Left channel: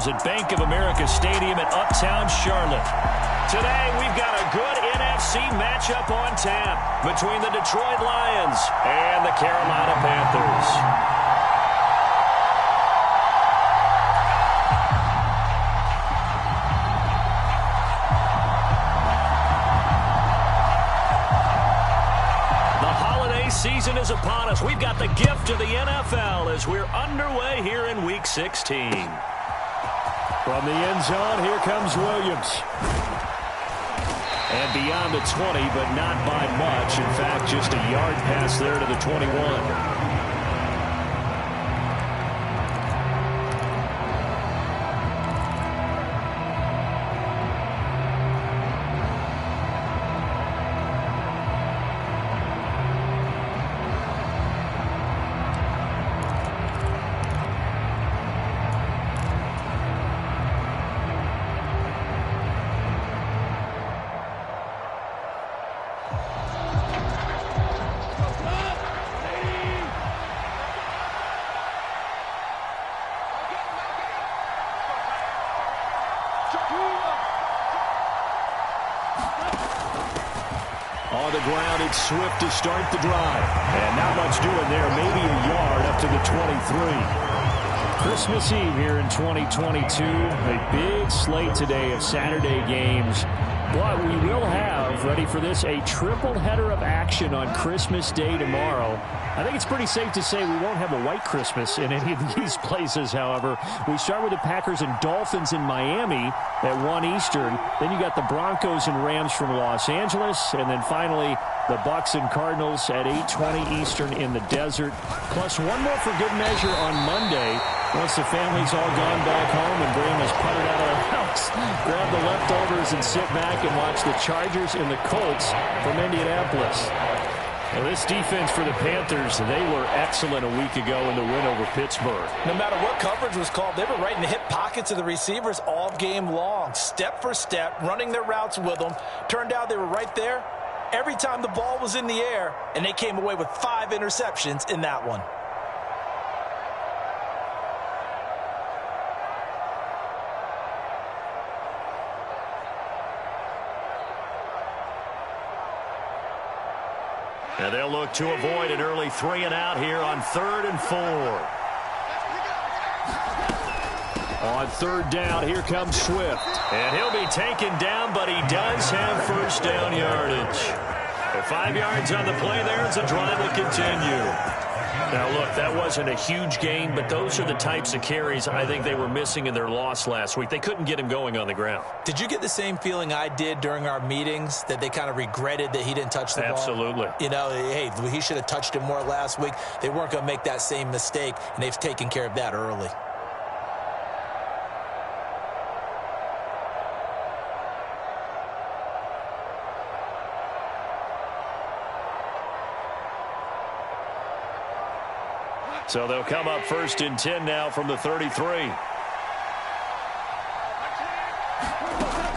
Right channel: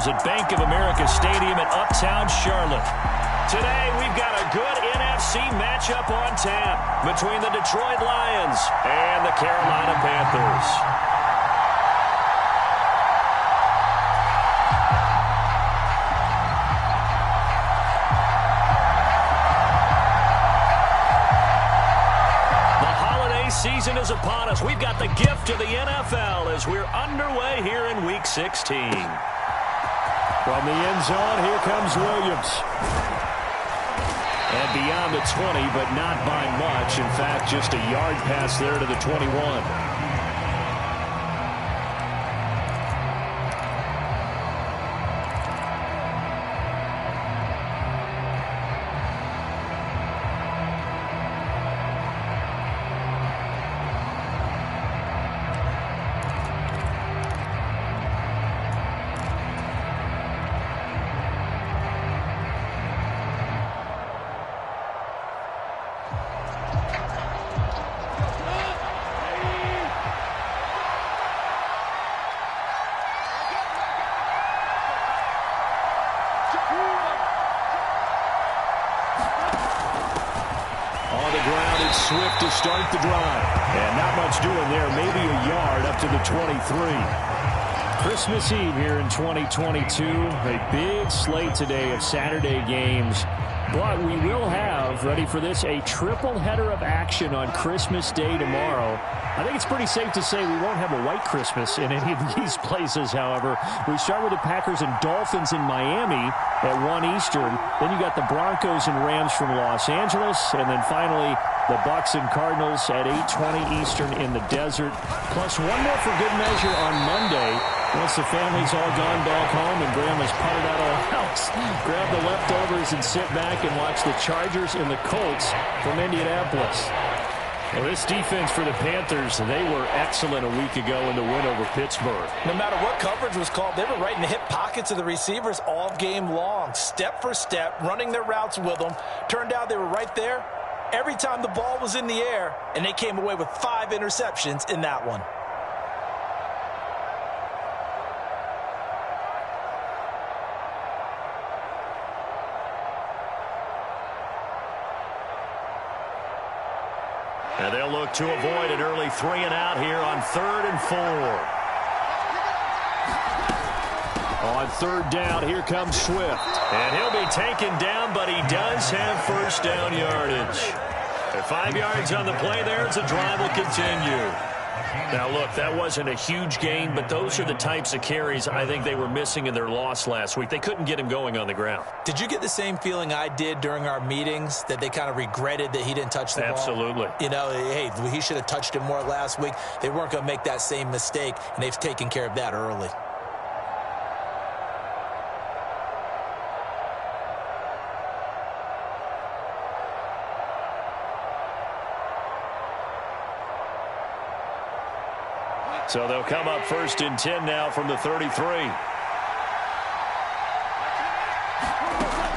ourselves at Bank of America Stadium in Uptown Charlotte. Today, we've got a good NFC matchup on tap between the Detroit Lions and the Carolina Panthers. Season is upon us. We've got the gift of the NFL as we're underway here in Week 16. From the end zone, here comes Williams. And beyond the 20, but not by much. In fact, just a yard pass there to the 21. On the ground, it's Swift to start the drive. And not much doing there. Maybe a yard up to the 23. Christmas Eve here in 2022. A big slate today of Saturday games. But we will have, ready for this, a triple header of action on Christmas Day tomorrow. I think it's pretty safe to say we won't have a white Christmas in any of these places, however. We start with the Packers and Dolphins in Miami at 1 Eastern. Then you got the Broncos and Rams from Los Angeles. And then finally, the Bucs and Cardinals at 8:20 Eastern in the desert. Plus one more for good measure on Monday. Once the family's all gone back home and Grandma's puttered out of the house, grab the leftovers and sit back and watch the Chargers and the Colts from Indianapolis. Well, this defense for the Panthers, they were excellent a week ago in the win over Pittsburgh. No matter what coverage was called, they were right in the hip pockets of the receivers all game long, step for step, running their routes with them. Turned out they were right there every time the ball was in the air, and they came away with 5 interceptions in that one. And they'll look to avoid an early 3 and out here on 3rd and 4. On 3rd down, here comes Swift. And he'll be taken down, but he does have first down yardage. At 5 yards on the play there, as the drive will continue. Now, look, that wasn't a huge gain, but those are the types of carries I think they were missing in their loss last week. They couldn't get him going on the ground. Did you get the same feeling I did during our meetings, that they kind of regretted that he didn't touch the ball? Absolutely. You know, hey, he should have touched him more last week. They weren't going to make that same mistake, and they've taken care of that early. So they'll come up 1st and 10 now from the 33.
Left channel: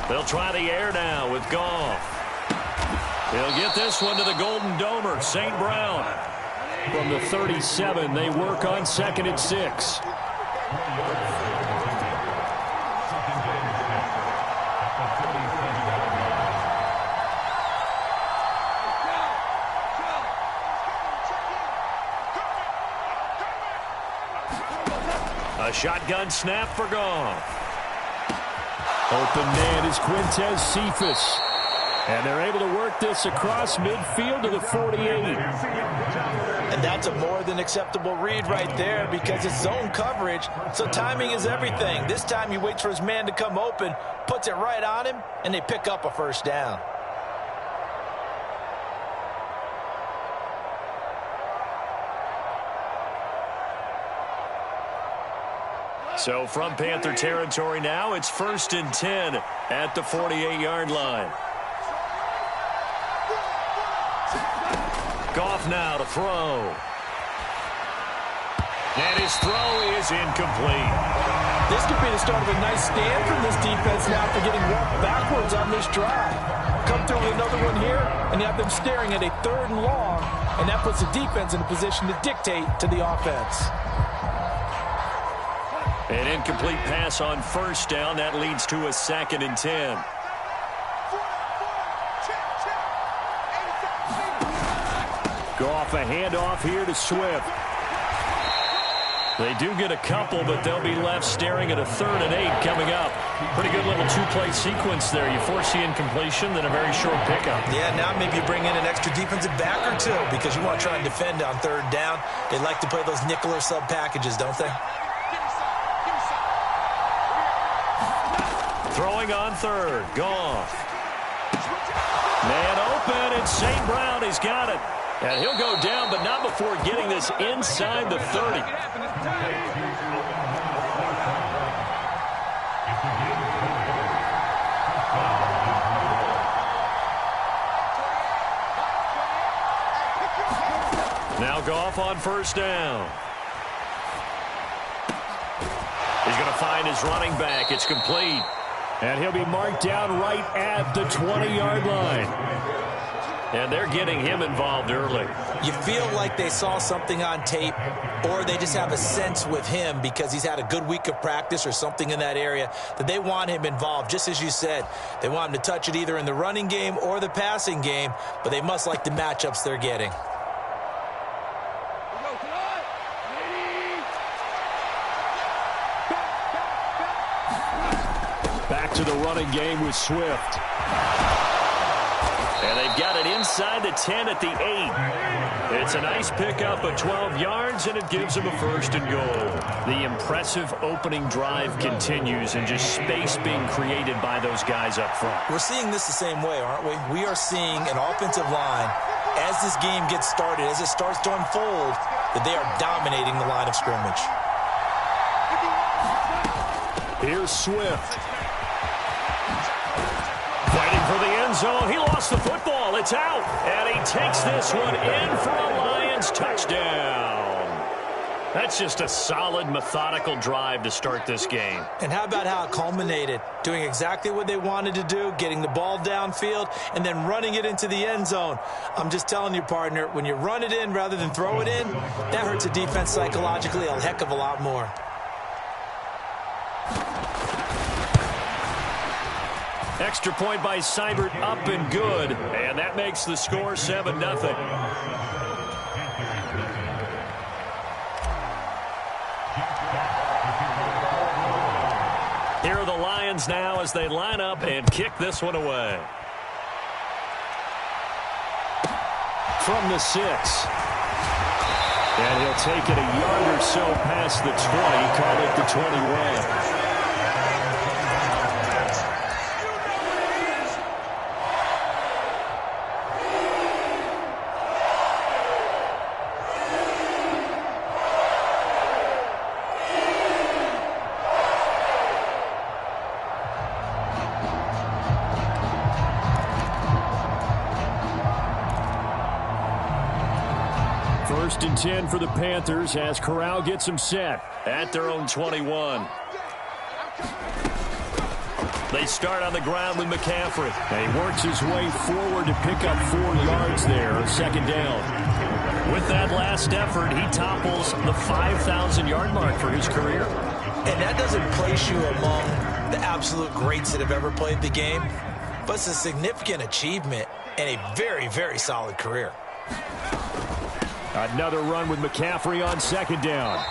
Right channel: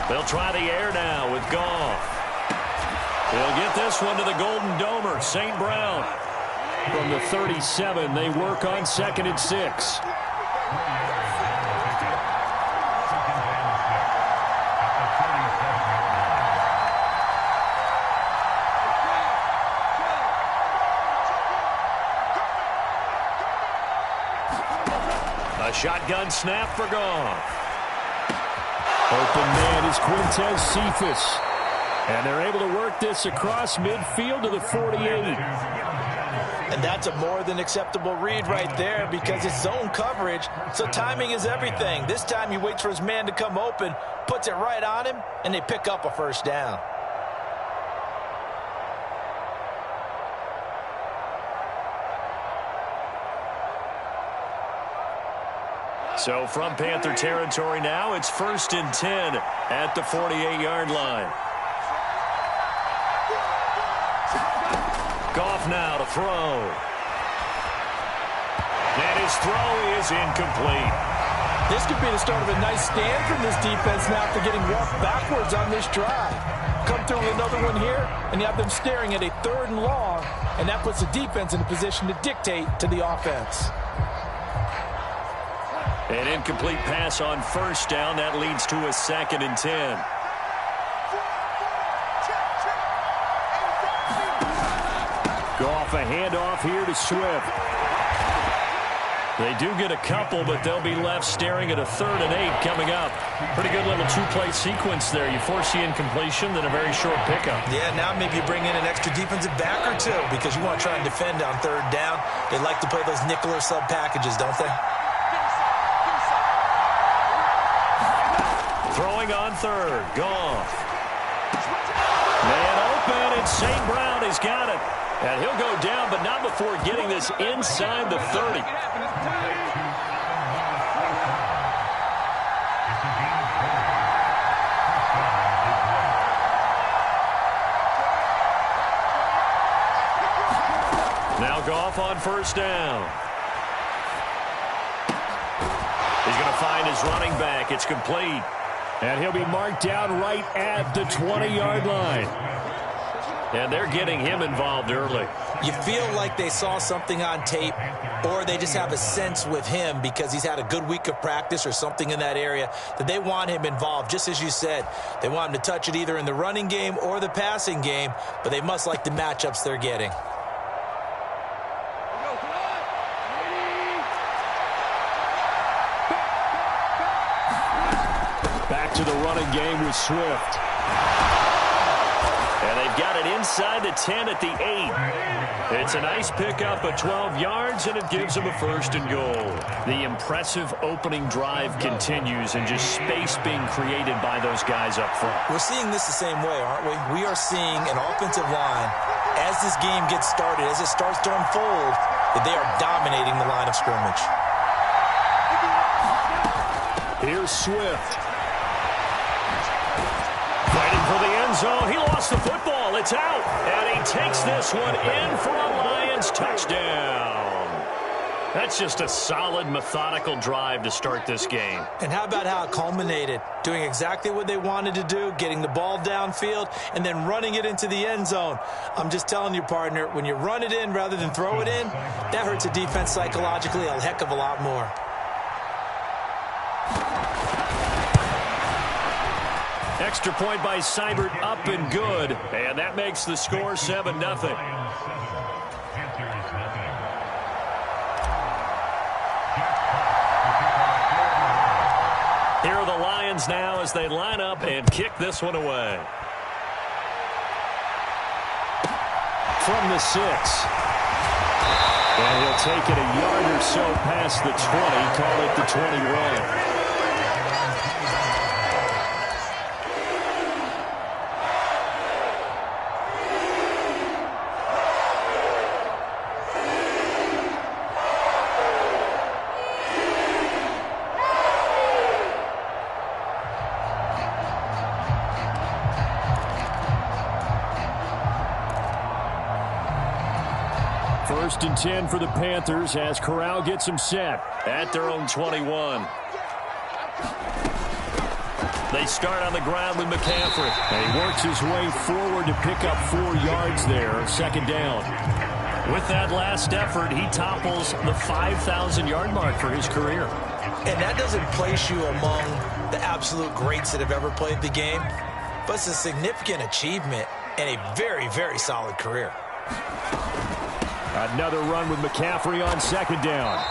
They'll try the air now with Goff. They'll get this one to the Golden Domer, St. Brown. From the 37, they work on 2nd and 6. A shotgun snap for Goff. Open man is Quintez Cephas. And they're able to work this across midfield to the 48. And that's a more than acceptable read right there because it's zone coverage, so timing is everything. This time he waits for his man to come open, puts it right on him, and they pick up a first down. So from Panther territory now, it's 1st and 10 at the 48-yard line. Goff now to throw. And his throw is incomplete. This could be the start of a nice stand from this defense now after getting walked backwards on this drive. Come through with another one here, and you have them staring at a 3rd and long, and that puts the defense in a position to dictate to the offense. An incomplete pass on first down. That leads to a 2nd and 10. Go off a handoff here to Swift. They do get a couple, but they'll be left staring at a 3rd and 8 coming up. Pretty good little 2-play sequence there. You force the incompletion, then a very short pickup. Yeah, now maybe you bring in an extra defensive back or two because you want to try and defend on 3rd down. They like to play those nickel or sub packages, don't they? Throwing on 3rd. Goff. Man open, and St. Brown has got it. And he'll go down, but not before getting this inside the 30. Now Goff on 1st down. He's going to find his running back. It's complete. And he'll be marked down right at the 20-yard line. And they're getting him involved early. You feel like they saw something on tape, or they just have a sense with him because he's had a good week of practice or something in that area that they want him involved. Just as you said, they want him to touch it either in the running game or the passing game, but they must like the matchups they're getting. Back to the running game with Swift. And they've got it inside the 10 at the 8. It's a nice pickup of 12 yards, and it gives them a 1st and goal. The impressive opening drive continues, and just space being created by those guys up front. We're seeing this the same way, aren't we? We are seeing an offensive line, as this game gets started, as it starts to unfold, that they are dominating the line of scrimmage. Here's Swift. Fighting for the end zone. He lost the football. It's out. And he takes this one in for a Lions touchdown. That's just a solid, methodical drive to start this game. And how about how it culminated? Doing exactly what they wanted to do, getting the ball downfield, and then running it into the end zone. I'm just telling you, partner, when you run it in rather than throw it in, that hurts a defense psychologically a heck of a lot more. Extra point by Seibert, up and good. And that makes the score 7-0. Here are the Lions now as they line up and kick this one away. From the 6. And he'll take it a yard or so past the 20, call it the 21. First and 10 for the Panthers as Corral gets them set. At their own 21. They start on the ground with McCaffrey. And he works his way forward to pick up 4 yards there, 2nd down. With that last effort, he topples the 5,000-yard mark for his career. And that doesn't place you among the absolute greats that have ever played the game, but it's a significant achievement and a very, very solid career. Another run with McCaffrey on 2nd down.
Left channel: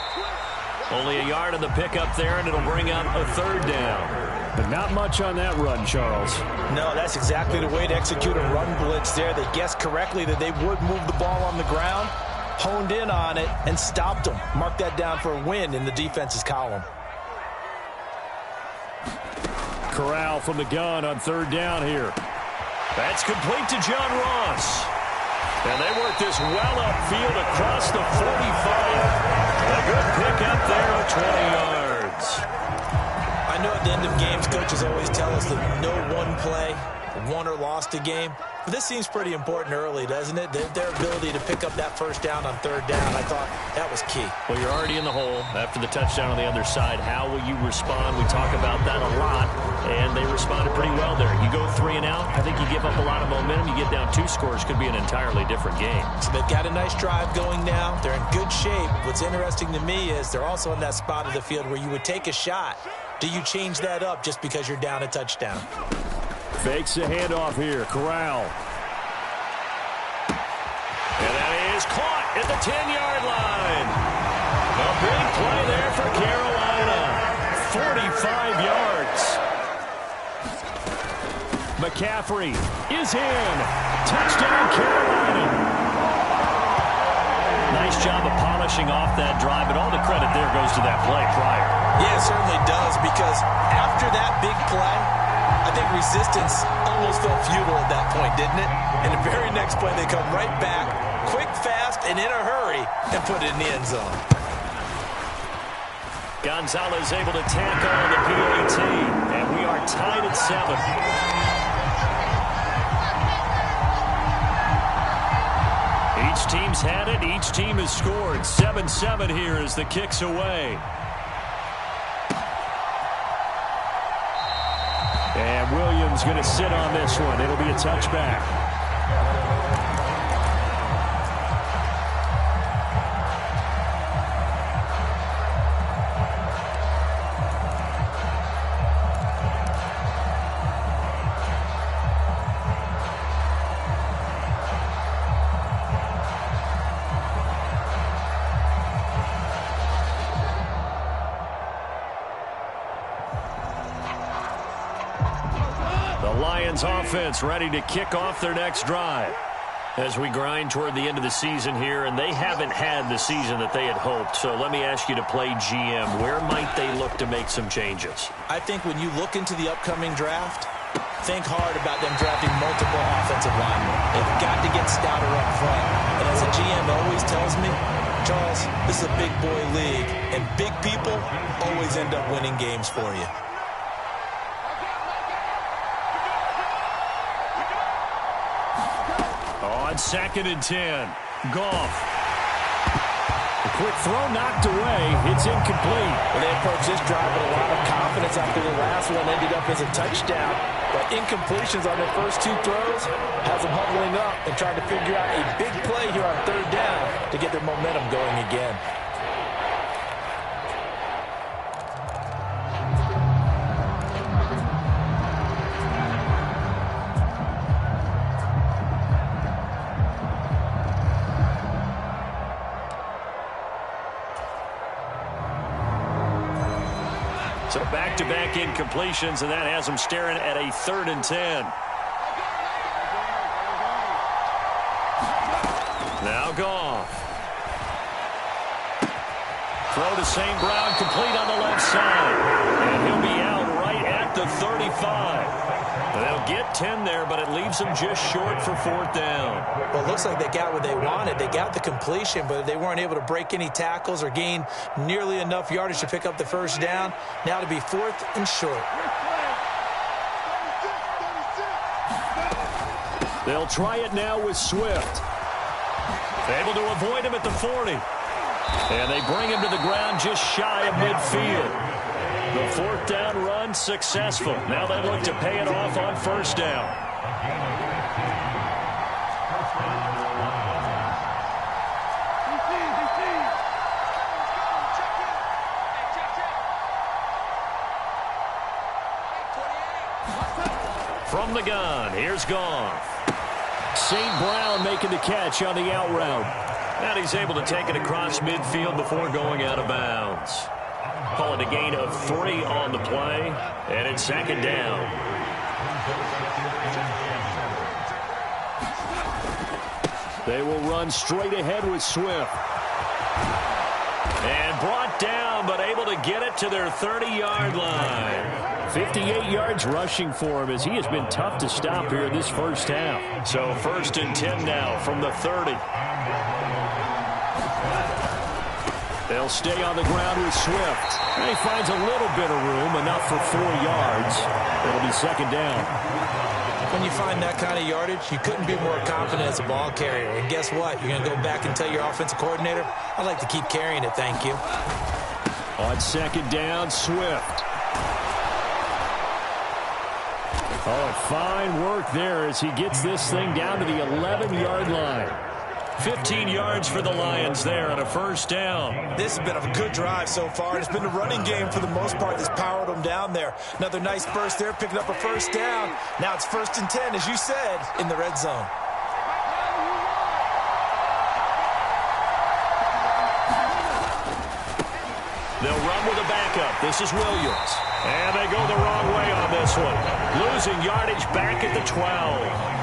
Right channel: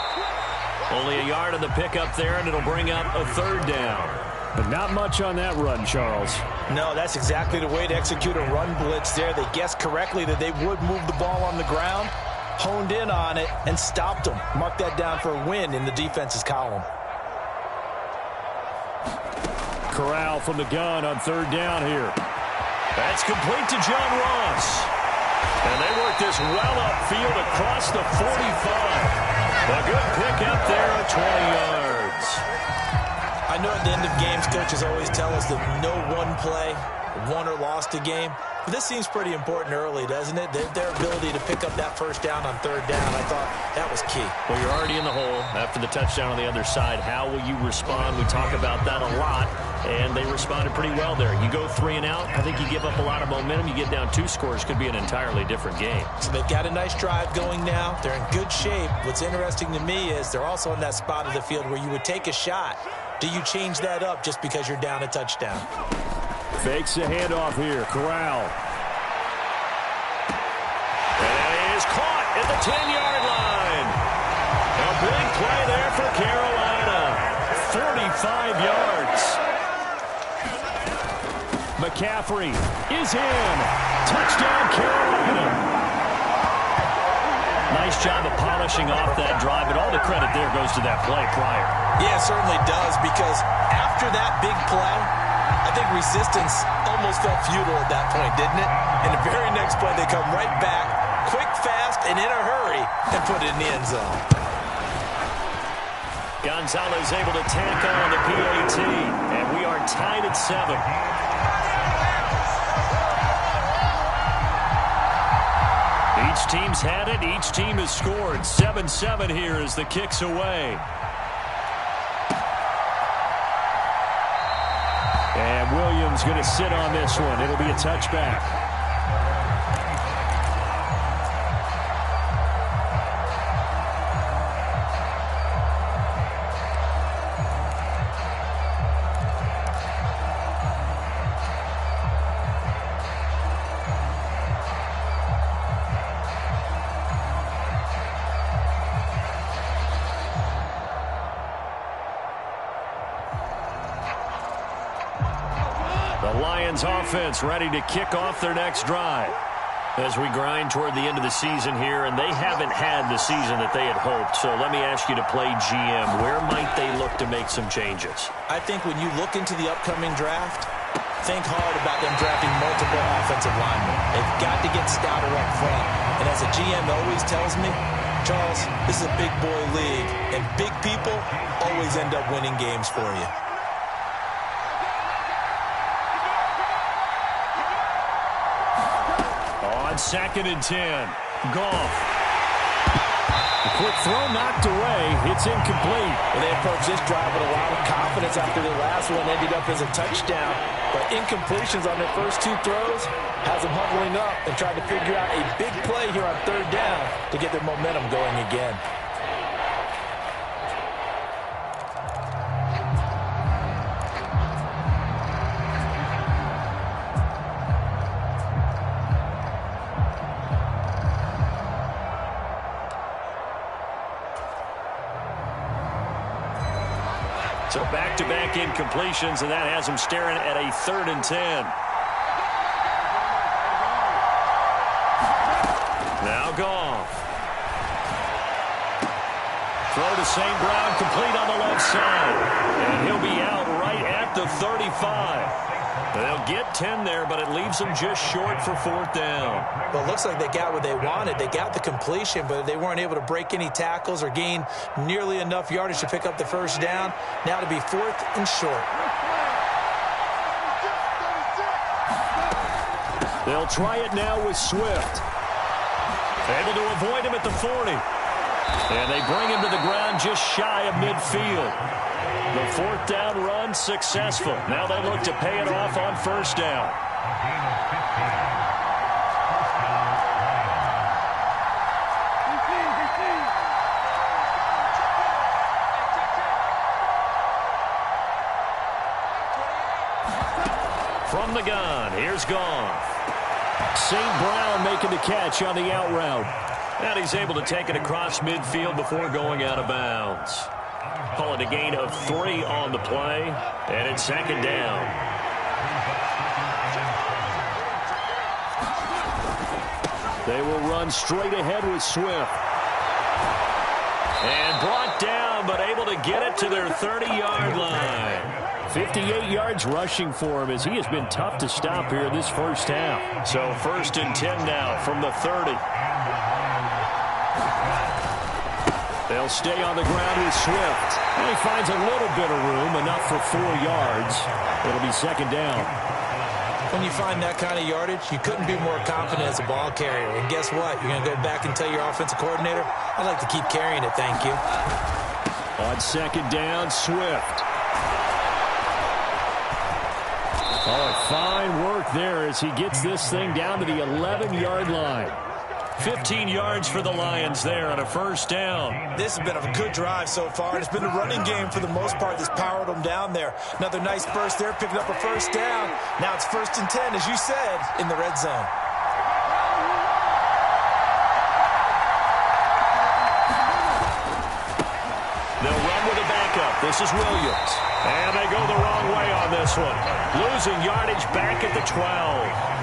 Only a yard on the pickup there, and it'll bring up a 3rd down. But not much on that run, Charles. No, that's exactly the way to execute a run blitz there. They guessed correctly that they would move the ball on the ground, honed in on it, and stopped them. Mark that down for a win in the defense's column. Corral from the gun on 3rd down here. That's complete to John Ross. And they work this well upfield across the 45. A good pick up there of 20 yards. I know at the end of games, coaches always tell us that no one play won or lost a game. But this seems pretty important early, doesn't it? Their ability to pick up that first down on third down, I thought that was key. Well, you're already in the hole after the touchdown on the other side. How will you respond? We talk about that a lot, and they responded pretty well there. You go 3 and out, I think you give up a lot of momentum. You get down 2 scores, could be an entirely different game. So they've got a nice drive going now. They're in good shape. What's interesting to me is they're also in that spot of the field where you would take a shot. Do you change that up just because you're down a touchdown? Fakes the handoff here. Corral. And that is caught at the 10-yard line. A big play there for Carolina. 45 yards. McCaffrey is in. Touchdown, Carolina. Nice job of polishing off that drive, but all the credit there goes to that play prior. Yeah, it certainly does, because after that big play, I think resistance almost felt futile at that point, didn't it? In the very next play, they come right back, quick, fast, and in a hurry, and put it in the end zone. Gonzalez able to tackle on the PAT, and we are tied at 7. Each team's had it. Each team has scored. 7-7 here as the kick's away. And Williams going to sit on this one. It'll be a touchback. The Lions offense ready to kick off their next drive as we grind toward the end of the season here, and they haven't had the season that they had hoped. So let me ask you to play GM. Where might they look to make some changes? I think when you look into the upcoming draft, think hard about them drafting multiple offensive linemen. They've got to get stouter up front. And as a GM always tells me, Charles, this is a big boy league, and big people always end up winning games for you. On 2nd and 10, Goff. A quick throw knocked away. It's incomplete. Well, they approached this drive with a lot of confidence after the last one ended up as a touchdown. But incompletions on their first 2 throws has them huddling up and trying to figure out a big play here on 3rd down to get their momentum going again. So back-to-back incompletions, and that has them staring at a 3rd and 10. Now Goff. Throw to St. Brown, complete on the left side. And he'll be out right at the 35. They'll get 10 there, but it leaves them just short for 4th down. Well, it looks like they got what they wanted. They got the completion, but they weren't able to break any tackles or gain nearly enough yardage to pick up the first down. Now to be 4th and short. They'll try it now with Swift. Able to avoid him at the 40. And they bring him to the ground just shy of midfield. The 4th down run successful. Now they look to pay it off on 1st down. From the gun, here's Goff. St. Brown making the catch on the out route. And he's able to take it across midfield before going out of bounds. Call it a gain of 3 on the play, and it's 2nd down. They will run straight ahead with Swift. And brought down, but able to get it to their 30-yard line. 58 yards rushing for him as he has been tough to stop here this first half. So 1st and 10 now from the 30. They'll stay on the ground with Swift. And he finds a little bit of room, enough for 4 yards. It'll be 2nd down. When you find that kind of yardage, you couldn't be more confident as a ball carrier. And guess what? You're going to go back and tell your offensive coordinator, I'd like to keep carrying it, thank you. On second down, Swift. Oh, fine work there as he gets this thing down to the 11-yard line. 15 yards for the Lions there on a first down. This has been a good drive so far. It's been a running game for the most part that's powered them down there. Another nice burst there, picking up a first down. Now it's 1st and 10, as you said, in the red zone. They'll run with a backup. This is Williams. And they go the wrong way on this one. Losing yardage back at the 12.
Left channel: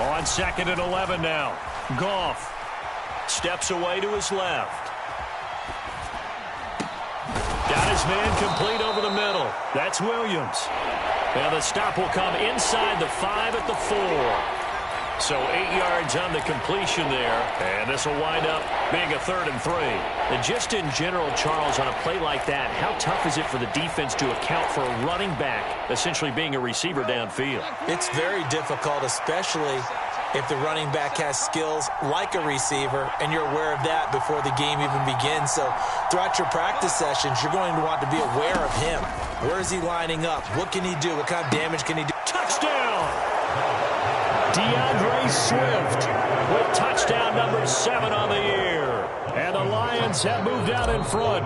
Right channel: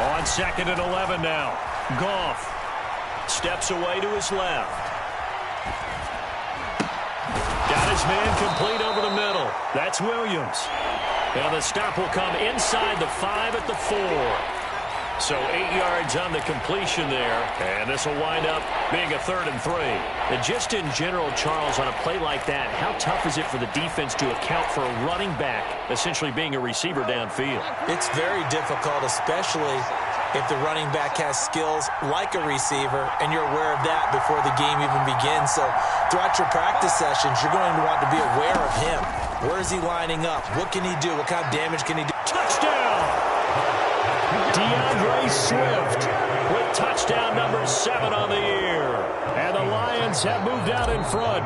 On 2nd and 11 now. Goff steps away to his left. Got his man complete over the middle. That's Williams. And the stop will come inside the 5 at the 4. So 8 yards on the completion there. And this will wind up being a 3rd and 3. And just in general, Charles, on a play like that, how tough is it for the defense to account for a running back essentially being a receiver downfield? It's very difficult, especially if the running back has skills like a receiver, and you're aware of that before the game even begins. So throughout your practice sessions, you're going to want to be aware of him. Where is he lining up? What can he do? What kind of damage can he do? Touchdown! DeAndre Swift with touchdown number 7 on the year. And the Lions have moved out in front.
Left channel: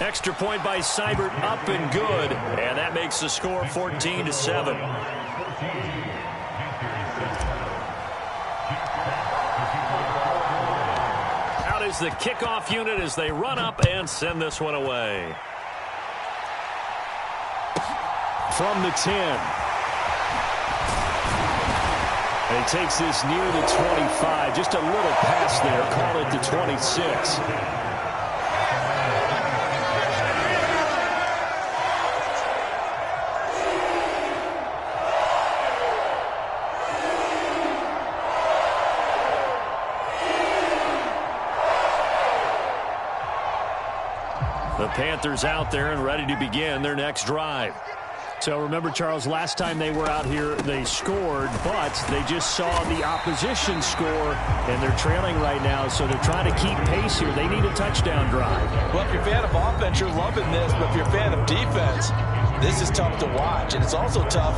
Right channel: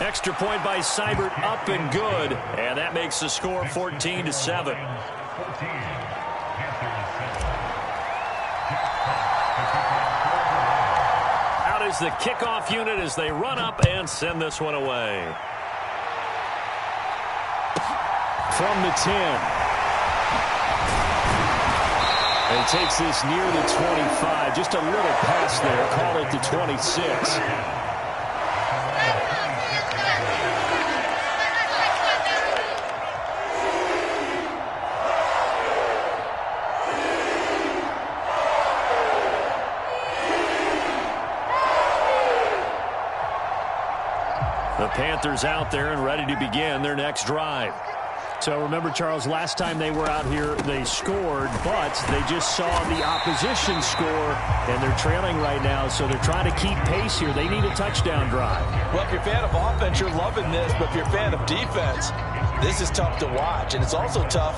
Extra point by Seibert, up and good. And that makes the score 14-7. Out is the kickoff unit as they run up and send this one away. From the 10. And he takes this near the 25. Just a little pass there. Call it the 26. The Panthers out there and ready to begin their next drive. So remember, Charles, last time they were out here, they scored, but they just saw the opposition score, and they're trailing right now, so they're trying to keep pace here. They need a touchdown drive. Well, if you're a fan of offense, you're loving this, but if you're a fan of defense, this is tough to watch, and it's also tough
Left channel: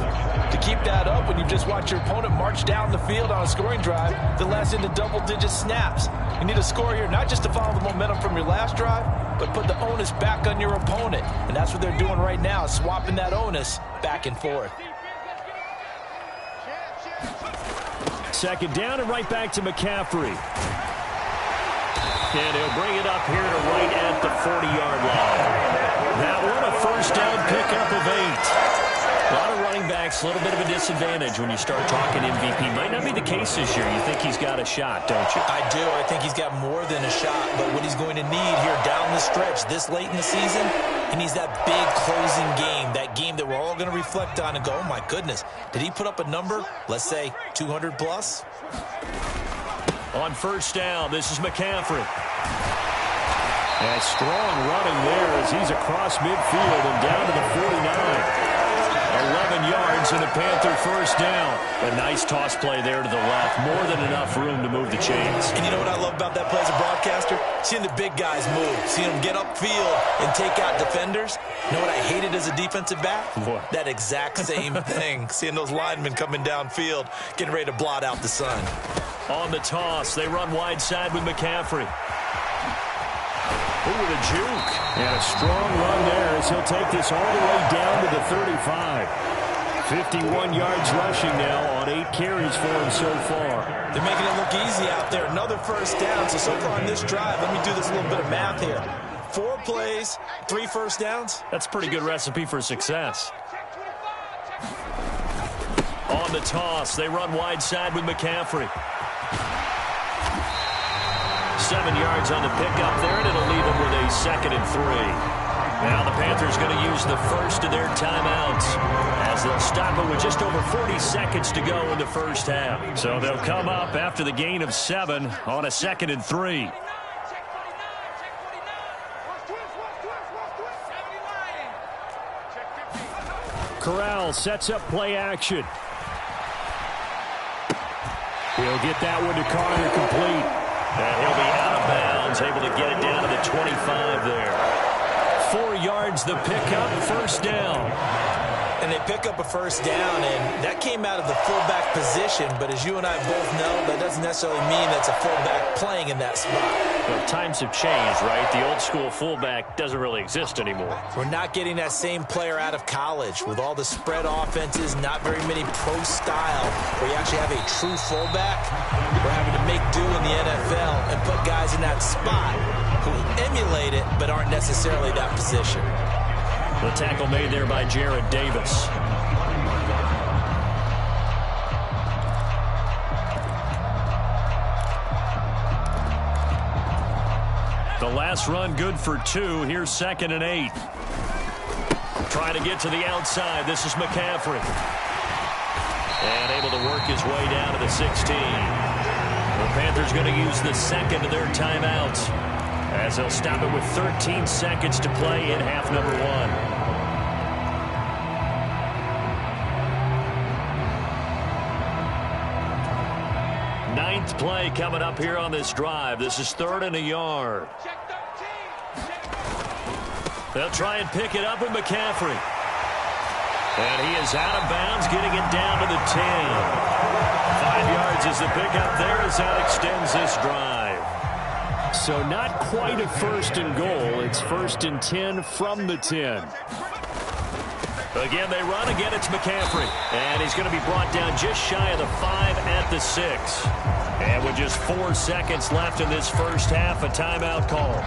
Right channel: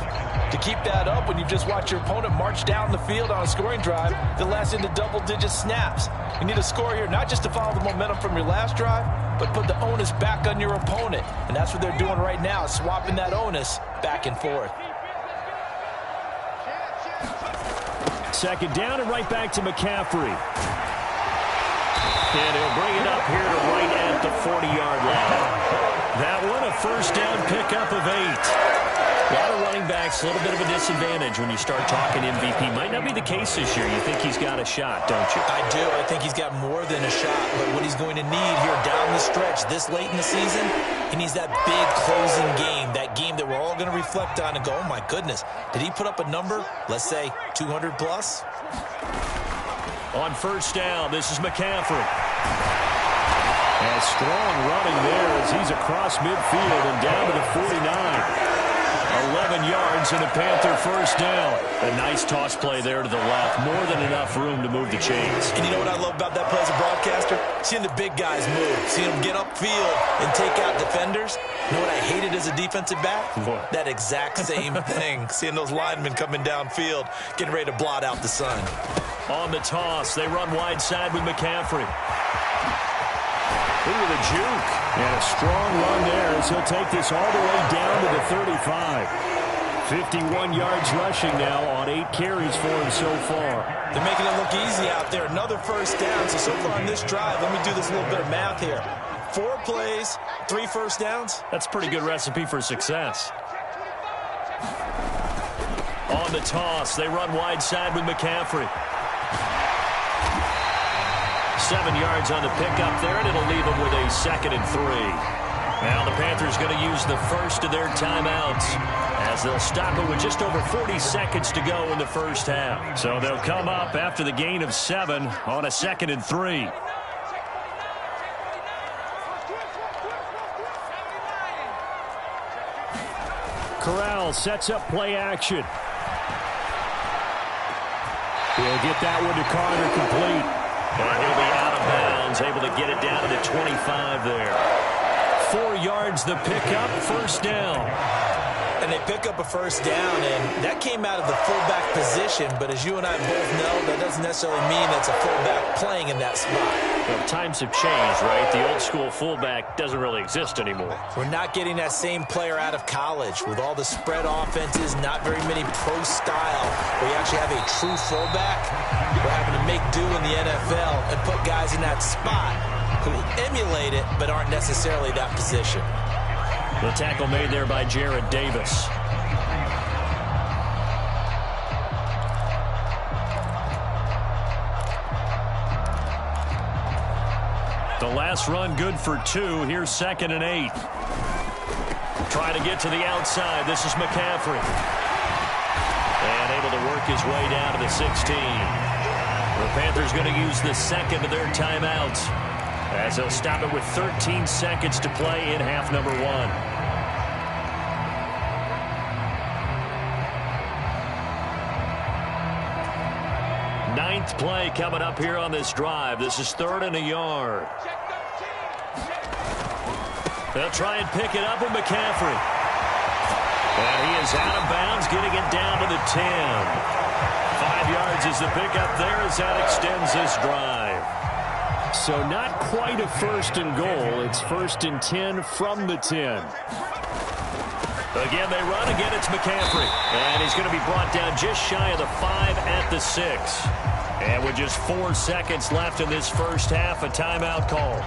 to keep that up when you just watch your opponent march down the field on a scoring drive that lasts into double-digit snaps. You need a score here, not just to follow the momentum from your last drive, but put the onus back on your opponent. And that's what they're doing right now, swapping that onus back and forth. 2nd down and right back to McCaffrey. And he'll bring it up here to right at the 40-yard line. That one a first down pickup of 8. A lot of running backs, a little bit of a disadvantage when you start talking MVP. Might not be the case this year. You think he's got a shot, don't you? I do. I think he's got more than a shot. But what he's going to need here down the stretch this late in the season, he needs that big closing game, that game that we're all going to reflect on and go, oh, my goodness, did he put up a number, let's say 200 plus? On first down, this is McCaffrey. And strong running there as he's across midfield and down to the 49. 11 yards and a Panther first down. A nice toss play there to the left. More than enough room to move the chains. And you know what I love about that play as a broadcaster? Seeing the big guys move. Seeing them get upfield and take out defenders. You know what I hated as a defensive back? What? That exact same thing. Seeing those linemen coming downfield, getting ready to blot out the sun. On the toss, they run wide side with McCaffrey. Ooh, the juke. And a strong run there as he'll take this all the way down to the 35. 51 yards rushing now on 8 carries for him so far. They're making it look easy out there. Another first down. So far on this drive, let me do this little bit of math here. 4 plays, 3 first downs. That's a pretty good recipe for success. On the toss, they run wide side with McCaffrey. 7 yards on the pickup there, and it'll leave him with a 2nd and 3. Now the Panthers going to use the first of their timeouts as they'll stop it with just over 40 seconds to go in the first half. So they'll come up after the gain of 7 on a 2nd and 3. Corral sets up play action. He'll get that one to Carter complete. And he'll be out of bounds, able to get it down to the 25 there. 4 yards the pickup, first down. And they pick up a first down, and that came out of the fullback position. But as you and I both know, that doesn't necessarily mean that's a fullback playing in that spot. Well, times have changed, right? The old school fullback doesn't really exist anymore. We're not getting that same player out of college with all the spread offenses, not very many pro style where you actually have a true fullback. We're having to make do in the NFL and put guys in that spot who emulate it but aren't necessarily that position. The tackle made there by Jared Davis. The last run good for 2. Here's 2nd and 8. Trying to get to the outside. This is McCaffrey. And able to work his way down to the 16. The Panthers going to use the second of their timeouts as they'll stop it with 13 seconds to play in half number 1. Ninth play coming up here on this drive. This is 3rd and a yard. They'll try and pick it up with McCaffrey. And he is out of bounds, getting it down to the 10. 5 yards is the pickup there as that extends this drive. So not quite a 1st and goal. It's 1st and 10 from the 10. Again, they run. Again, it's McCaffrey. And he's going to be brought down just shy of the 5 at the 6. And with just 4 seconds left in this first half, a timeout call.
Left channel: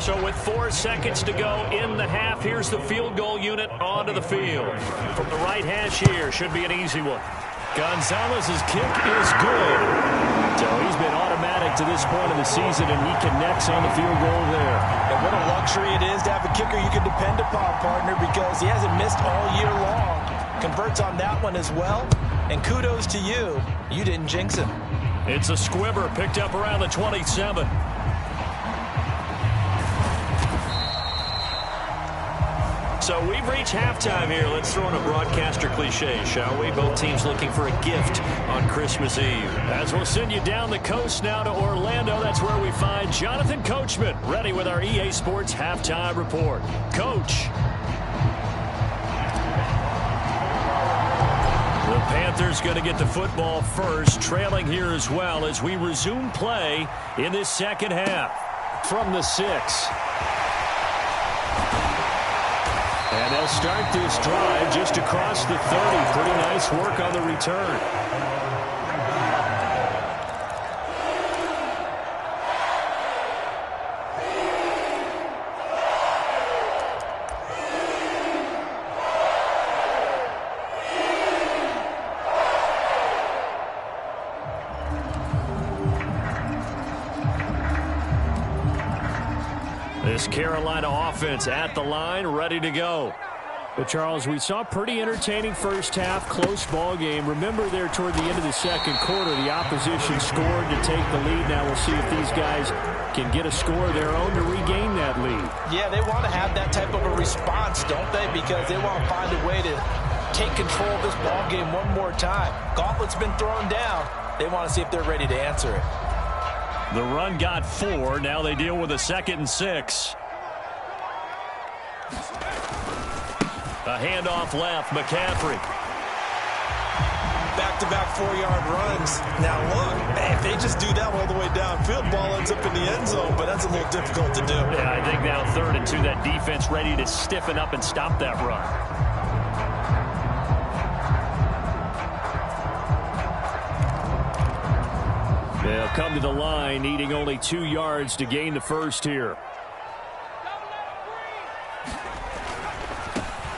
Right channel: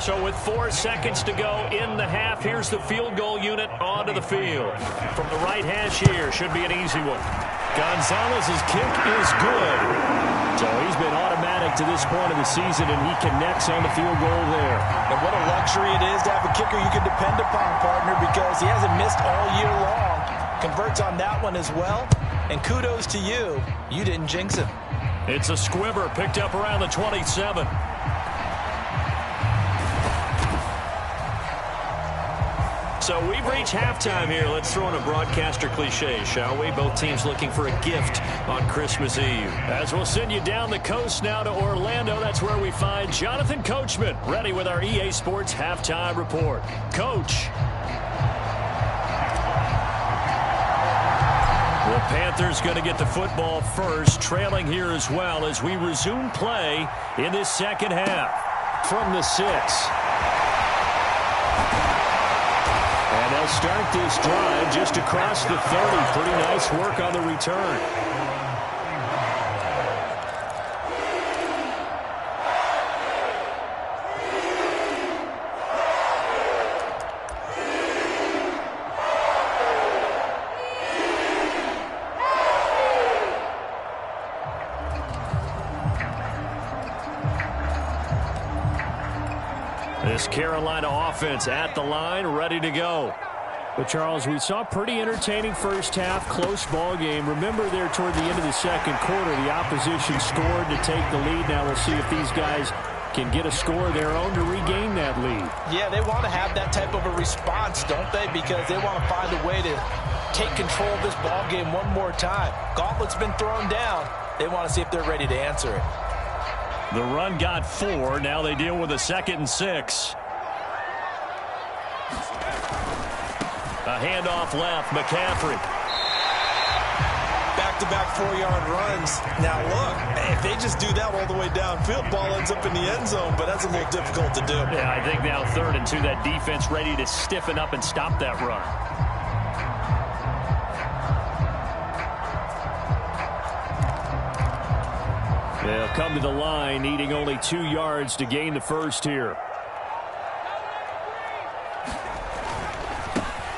So with 4 seconds to go in the half, here's the field goal unit onto the field. From the right hash here, should be an easy one. Gonzalez's kick is good. So he's been automatic to this point of the season, and he connects on the field goal there. And what a luxury it is to have a kicker you can depend upon, partner, because he hasn't missed all year long. Converts on that one as well. And kudos to you. You didn't jinx him. It's a squibber picked up around the 27. So we've reached halftime here. Let's throw in a broadcaster cliche, shall we? Both teams looking for a gift on Christmas Eve. As we'll send you down the coast now to Orlando, that's where we find Jonathan Coachman, ready with our EA Sports Halftime Report. Coach. The Panthers going to get the football first, trailing here as well as we resume play in this second half. From the 6. And they'll start this drive just across the 30. Pretty nice work on the return. This Carolina offense at the line, ready to go. But, Charles, we saw a pretty entertaining first half, close ball game. Remember there toward the end of the second quarter, the opposition scored to take the lead. Now we'll see if these guys can get a score of their own to regain that lead. Yeah, they want to have that type of a response, don't they? Because they want to find a way to take control of this ball game one more time. Gauntlet's been thrown down. They want to see if they're ready to answer it. The run got 4. Now they deal with a 2nd and 6. A handoff left. McCaffrey. Back-to-back 4-yard runs. Now, look, if they just do that all the way downfield, ball ends up in the end zone, but that's a little difficult to do. Yeah, I think now 3rd and 2, that defense ready to stiffen up and stop that run. They'll come to the line, needing only 2 yards to gain the first here.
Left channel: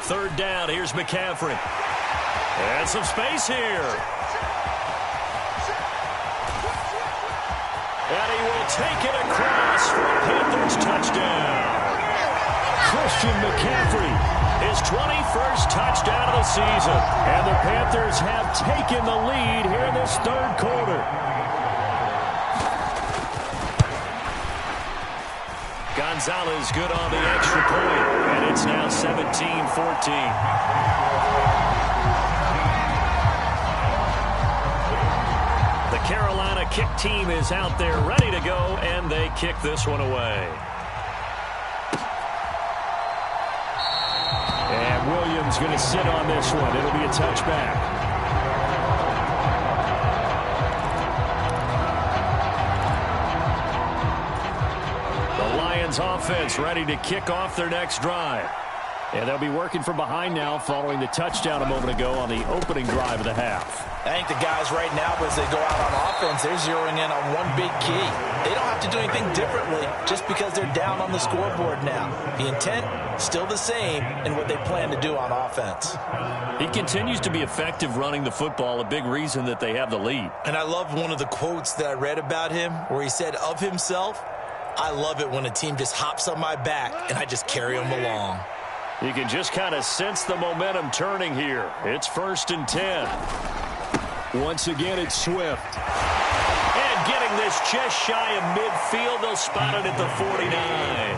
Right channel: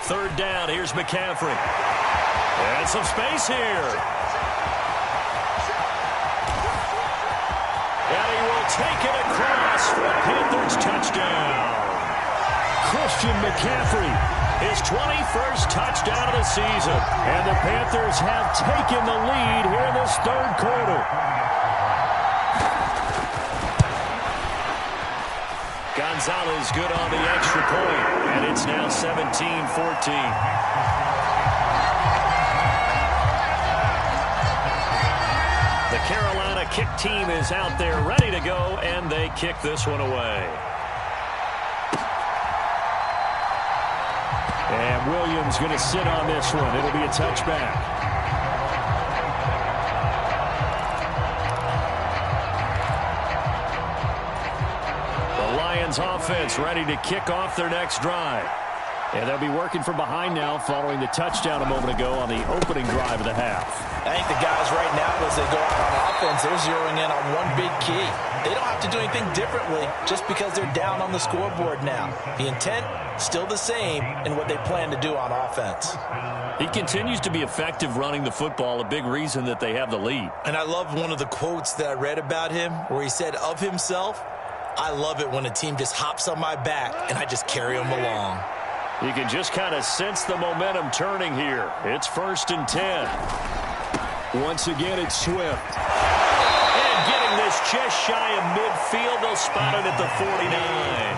3rd down. Here's McCaffrey. And some space here. And he will take it across for a Panthers touchdown. Christian McCaffrey. His 21st touchdown of the season. And the Panthers have taken the lead here in this third quarter. Gonzalez good on the extra point, and it's now 17-14. The Carolina kick team is out there ready to go, and they kick this one away. And Williams going to sit on this one. It'll be a touchback. The Lions offense ready to kick off their next drive. And they'll be working from behind now following the touchdown a moment ago on the opening drive of the half. I think the guys right now, as they go out on offense, they're zeroing in on one big key. They don't have to do anything differently just because they're down on the scoreboard now. The intent, still the same in what they plan to do on offense. He continues to be effective running the football, a big reason that they have the lead. And I love one of the quotes that I read about him where he said of himself, "I love it when a team just hops on my back and I just carry them along." You can just kind of sense the momentum turning here. It's 1st and 10. Once again, it's Swift. And getting this just shy of midfield, they'll spot it at the 49.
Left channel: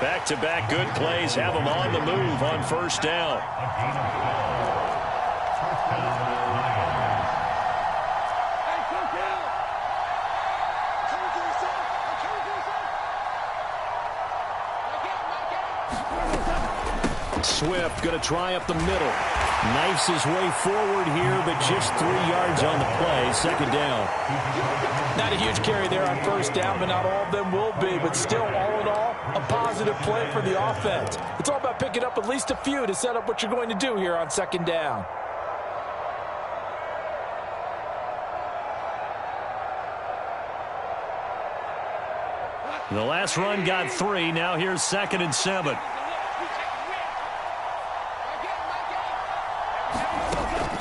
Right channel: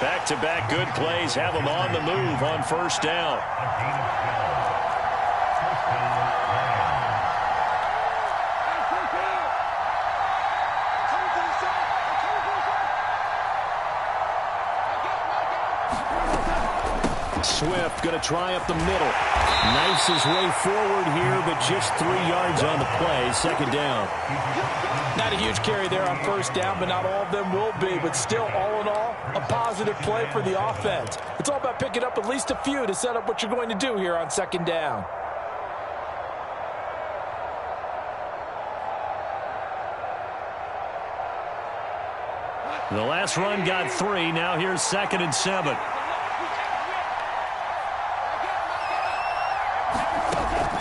Back-to-back good plays have them on the move on 1st down. Swift going to try up the middle. Knifes his way forward here, but just 3 yards on the play. 2nd down. Not a huge carry there on 1st down, but not all of them will be. But still, all in all, a positive play for the offense. It's all about picking up at least a few to set up what you're going to do here on 2nd down. The last run got 3. Now here's 2nd and 7.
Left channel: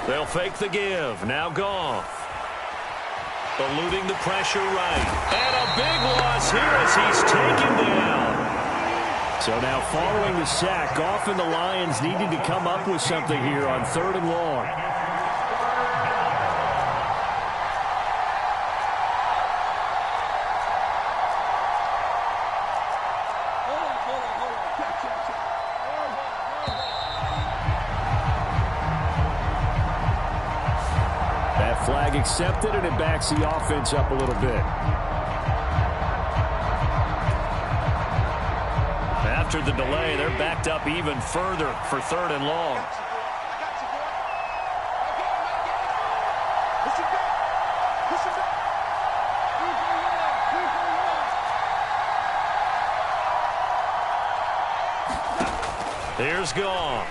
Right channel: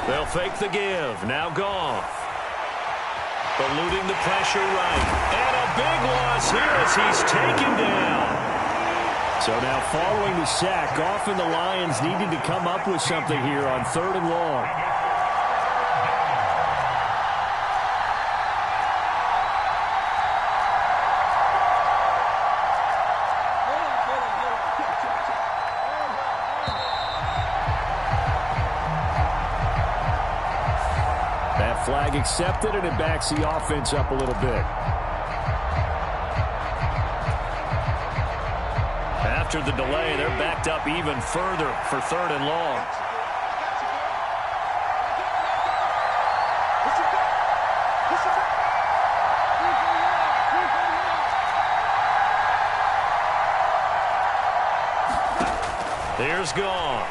They'll fake the give. Now Goff. Eluding the pressure right. And a big loss here as he's taken down. So now following the sack, Goff and the Lions needing to come up with something here on 3rd and long. Flag accepted, and it backs the offense up a little bit. After the delay, they're backed up even further for 3rd and long. Here's Goff.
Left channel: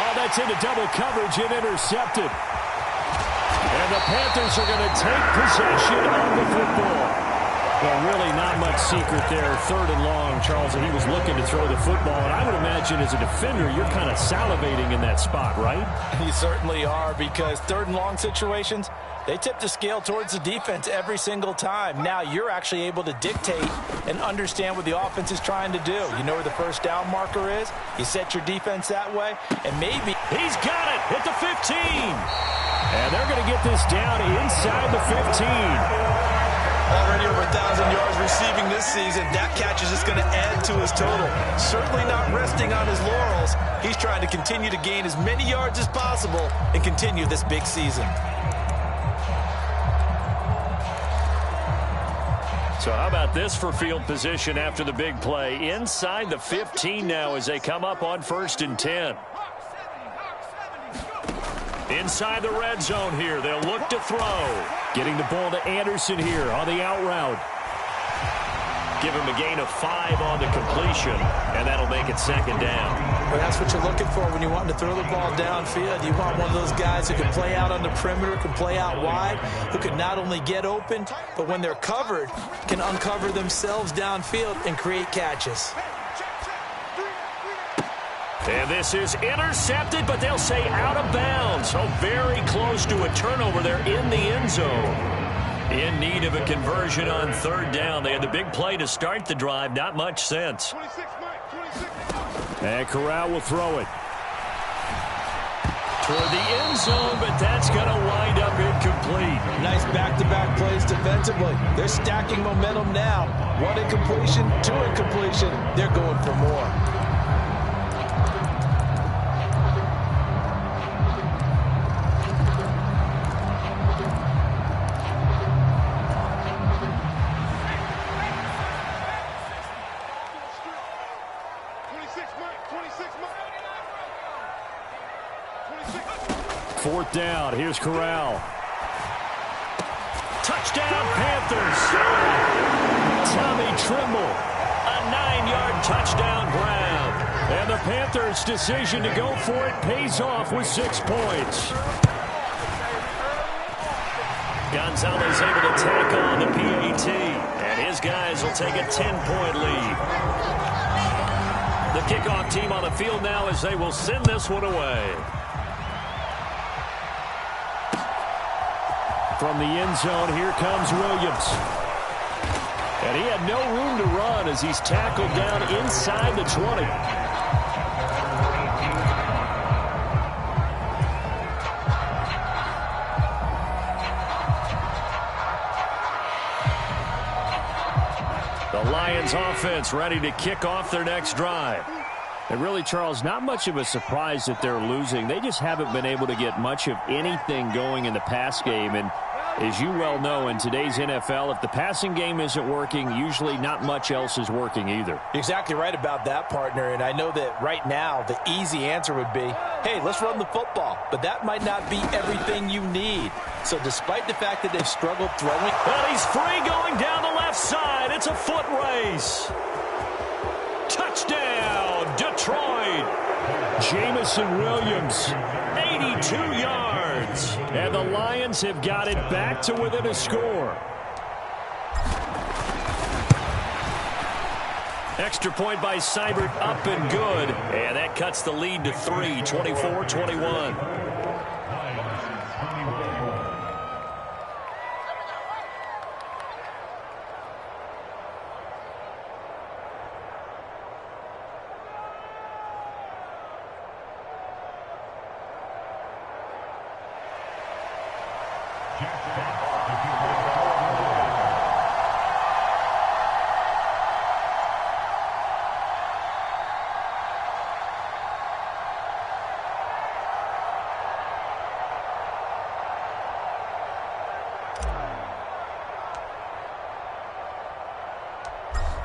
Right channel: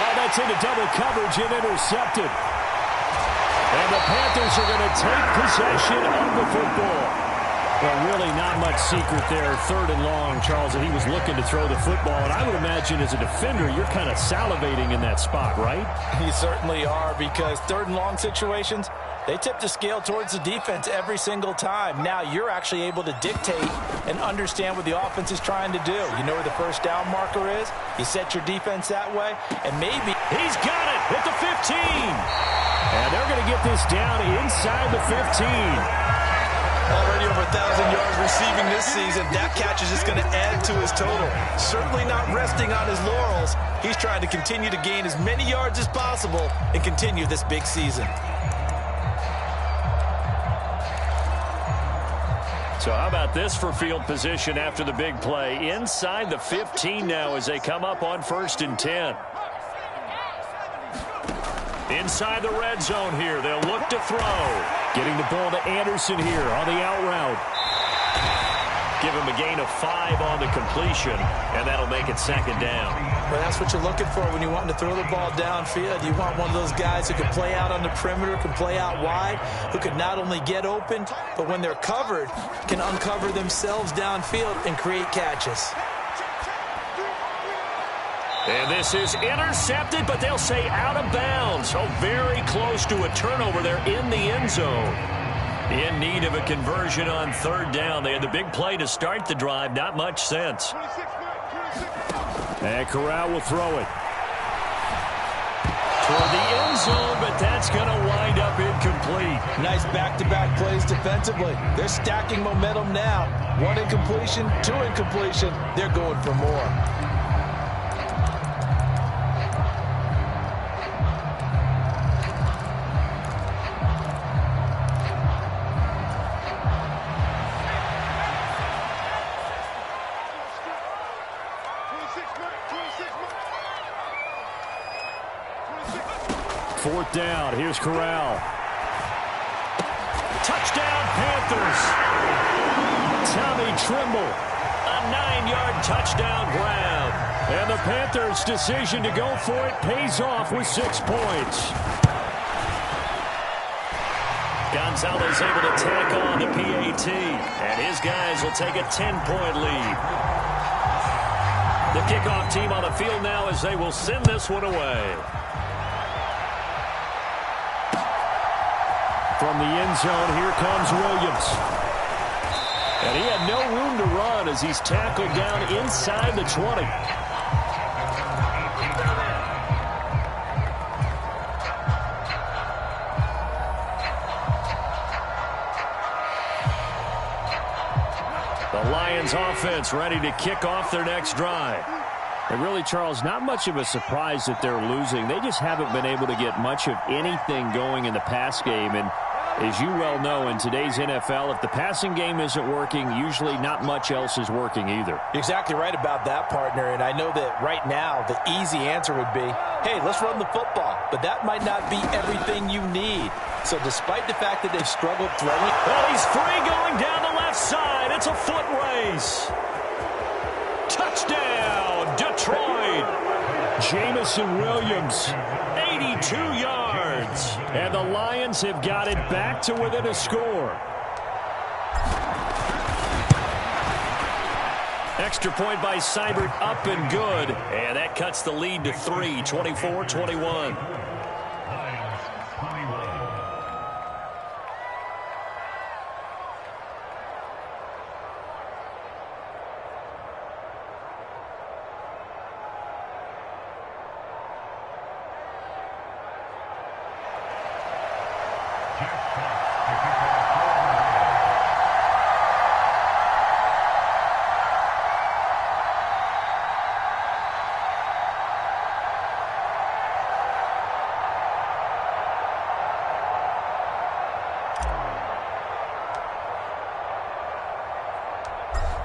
Oh, that's into double coverage and intercepted. And the Panthers are going to take possession of the football. Well, really not much secret there. 3rd and long, Charles, and he was looking to throw the football. And I would imagine as a defender, you're kind of salivating in that spot, right? You certainly are, because 3rd and long situations, they tip the scale towards the defense every single time. Now you're actually able to dictate and understand what the offense is trying to do. You know where the 1st down marker is. You set your defense that way, and maybe he's got it at the 15. And they're going to get this down inside the 15. Already over 1,000 yards receiving this season. That catch is just going to add to his total. Certainly not resting on his laurels. He's trying to continue to gain as many yards as possible and continue this big season. So how about this for field position after the big play? Inside the 15 now as they come up on 1st and 10. Inside the red zone here. They'll look to throw. Getting the ball to Anderson here on the out route. Give him a gain of 5 on the completion, and that'll make it 2nd down. Well, that's what you're looking for when you want to throw the ball downfield. You want one of those guys who can play out on the perimeter, can play out wide, who can not only get open, but when they're covered, can uncover themselves downfield and create catches. And this is intercepted, but they'll say out of bounds. So very close to a turnover there in the end zone. In need of a conversion on third down. They had the big play to start the drive. Not much sense. And Corral will throw it. Toward the end zone, but that's going to wind up incomplete. Nice back-to-back plays defensively. They're stacking momentum now. 1 incompletion, 2 incompletion. They're going for more. Fourth down. Here's Corral. Touchdown, Panthers. Tommy Trimble. A 9-yard touchdown grab. And the Panthers' decision to go for it pays off with 6 points. Gonzalez able to tack on the PAT. And his guys will take a 10-point lead. The kickoff team on the field now as they will send this one away. From the end zone, here comes Williams. And he had no room to run as he's tackled down inside the 20. The Lions offense ready to kick off their next drive. And really, Charles, not much of a surprise that they're losing. They just haven't been able to get much of anything going in the pass game. And as you well know, in today's NFL, if the passing game isn't working, usually not much else is working either. You're exactly right about that, partner. And I know that right now the easy answer would be, hey, let's run the football. But that might not be everything you need. So despite the fact that they've struggled throwing. Well, he's free going down the left side. It's a foot race. Touchdown, Detroit. Jamison Williams. 82 yards. And the Lions have got it back to within a score. Extra point by Seibert, up and good. And that cuts the lead to 3, 24-21.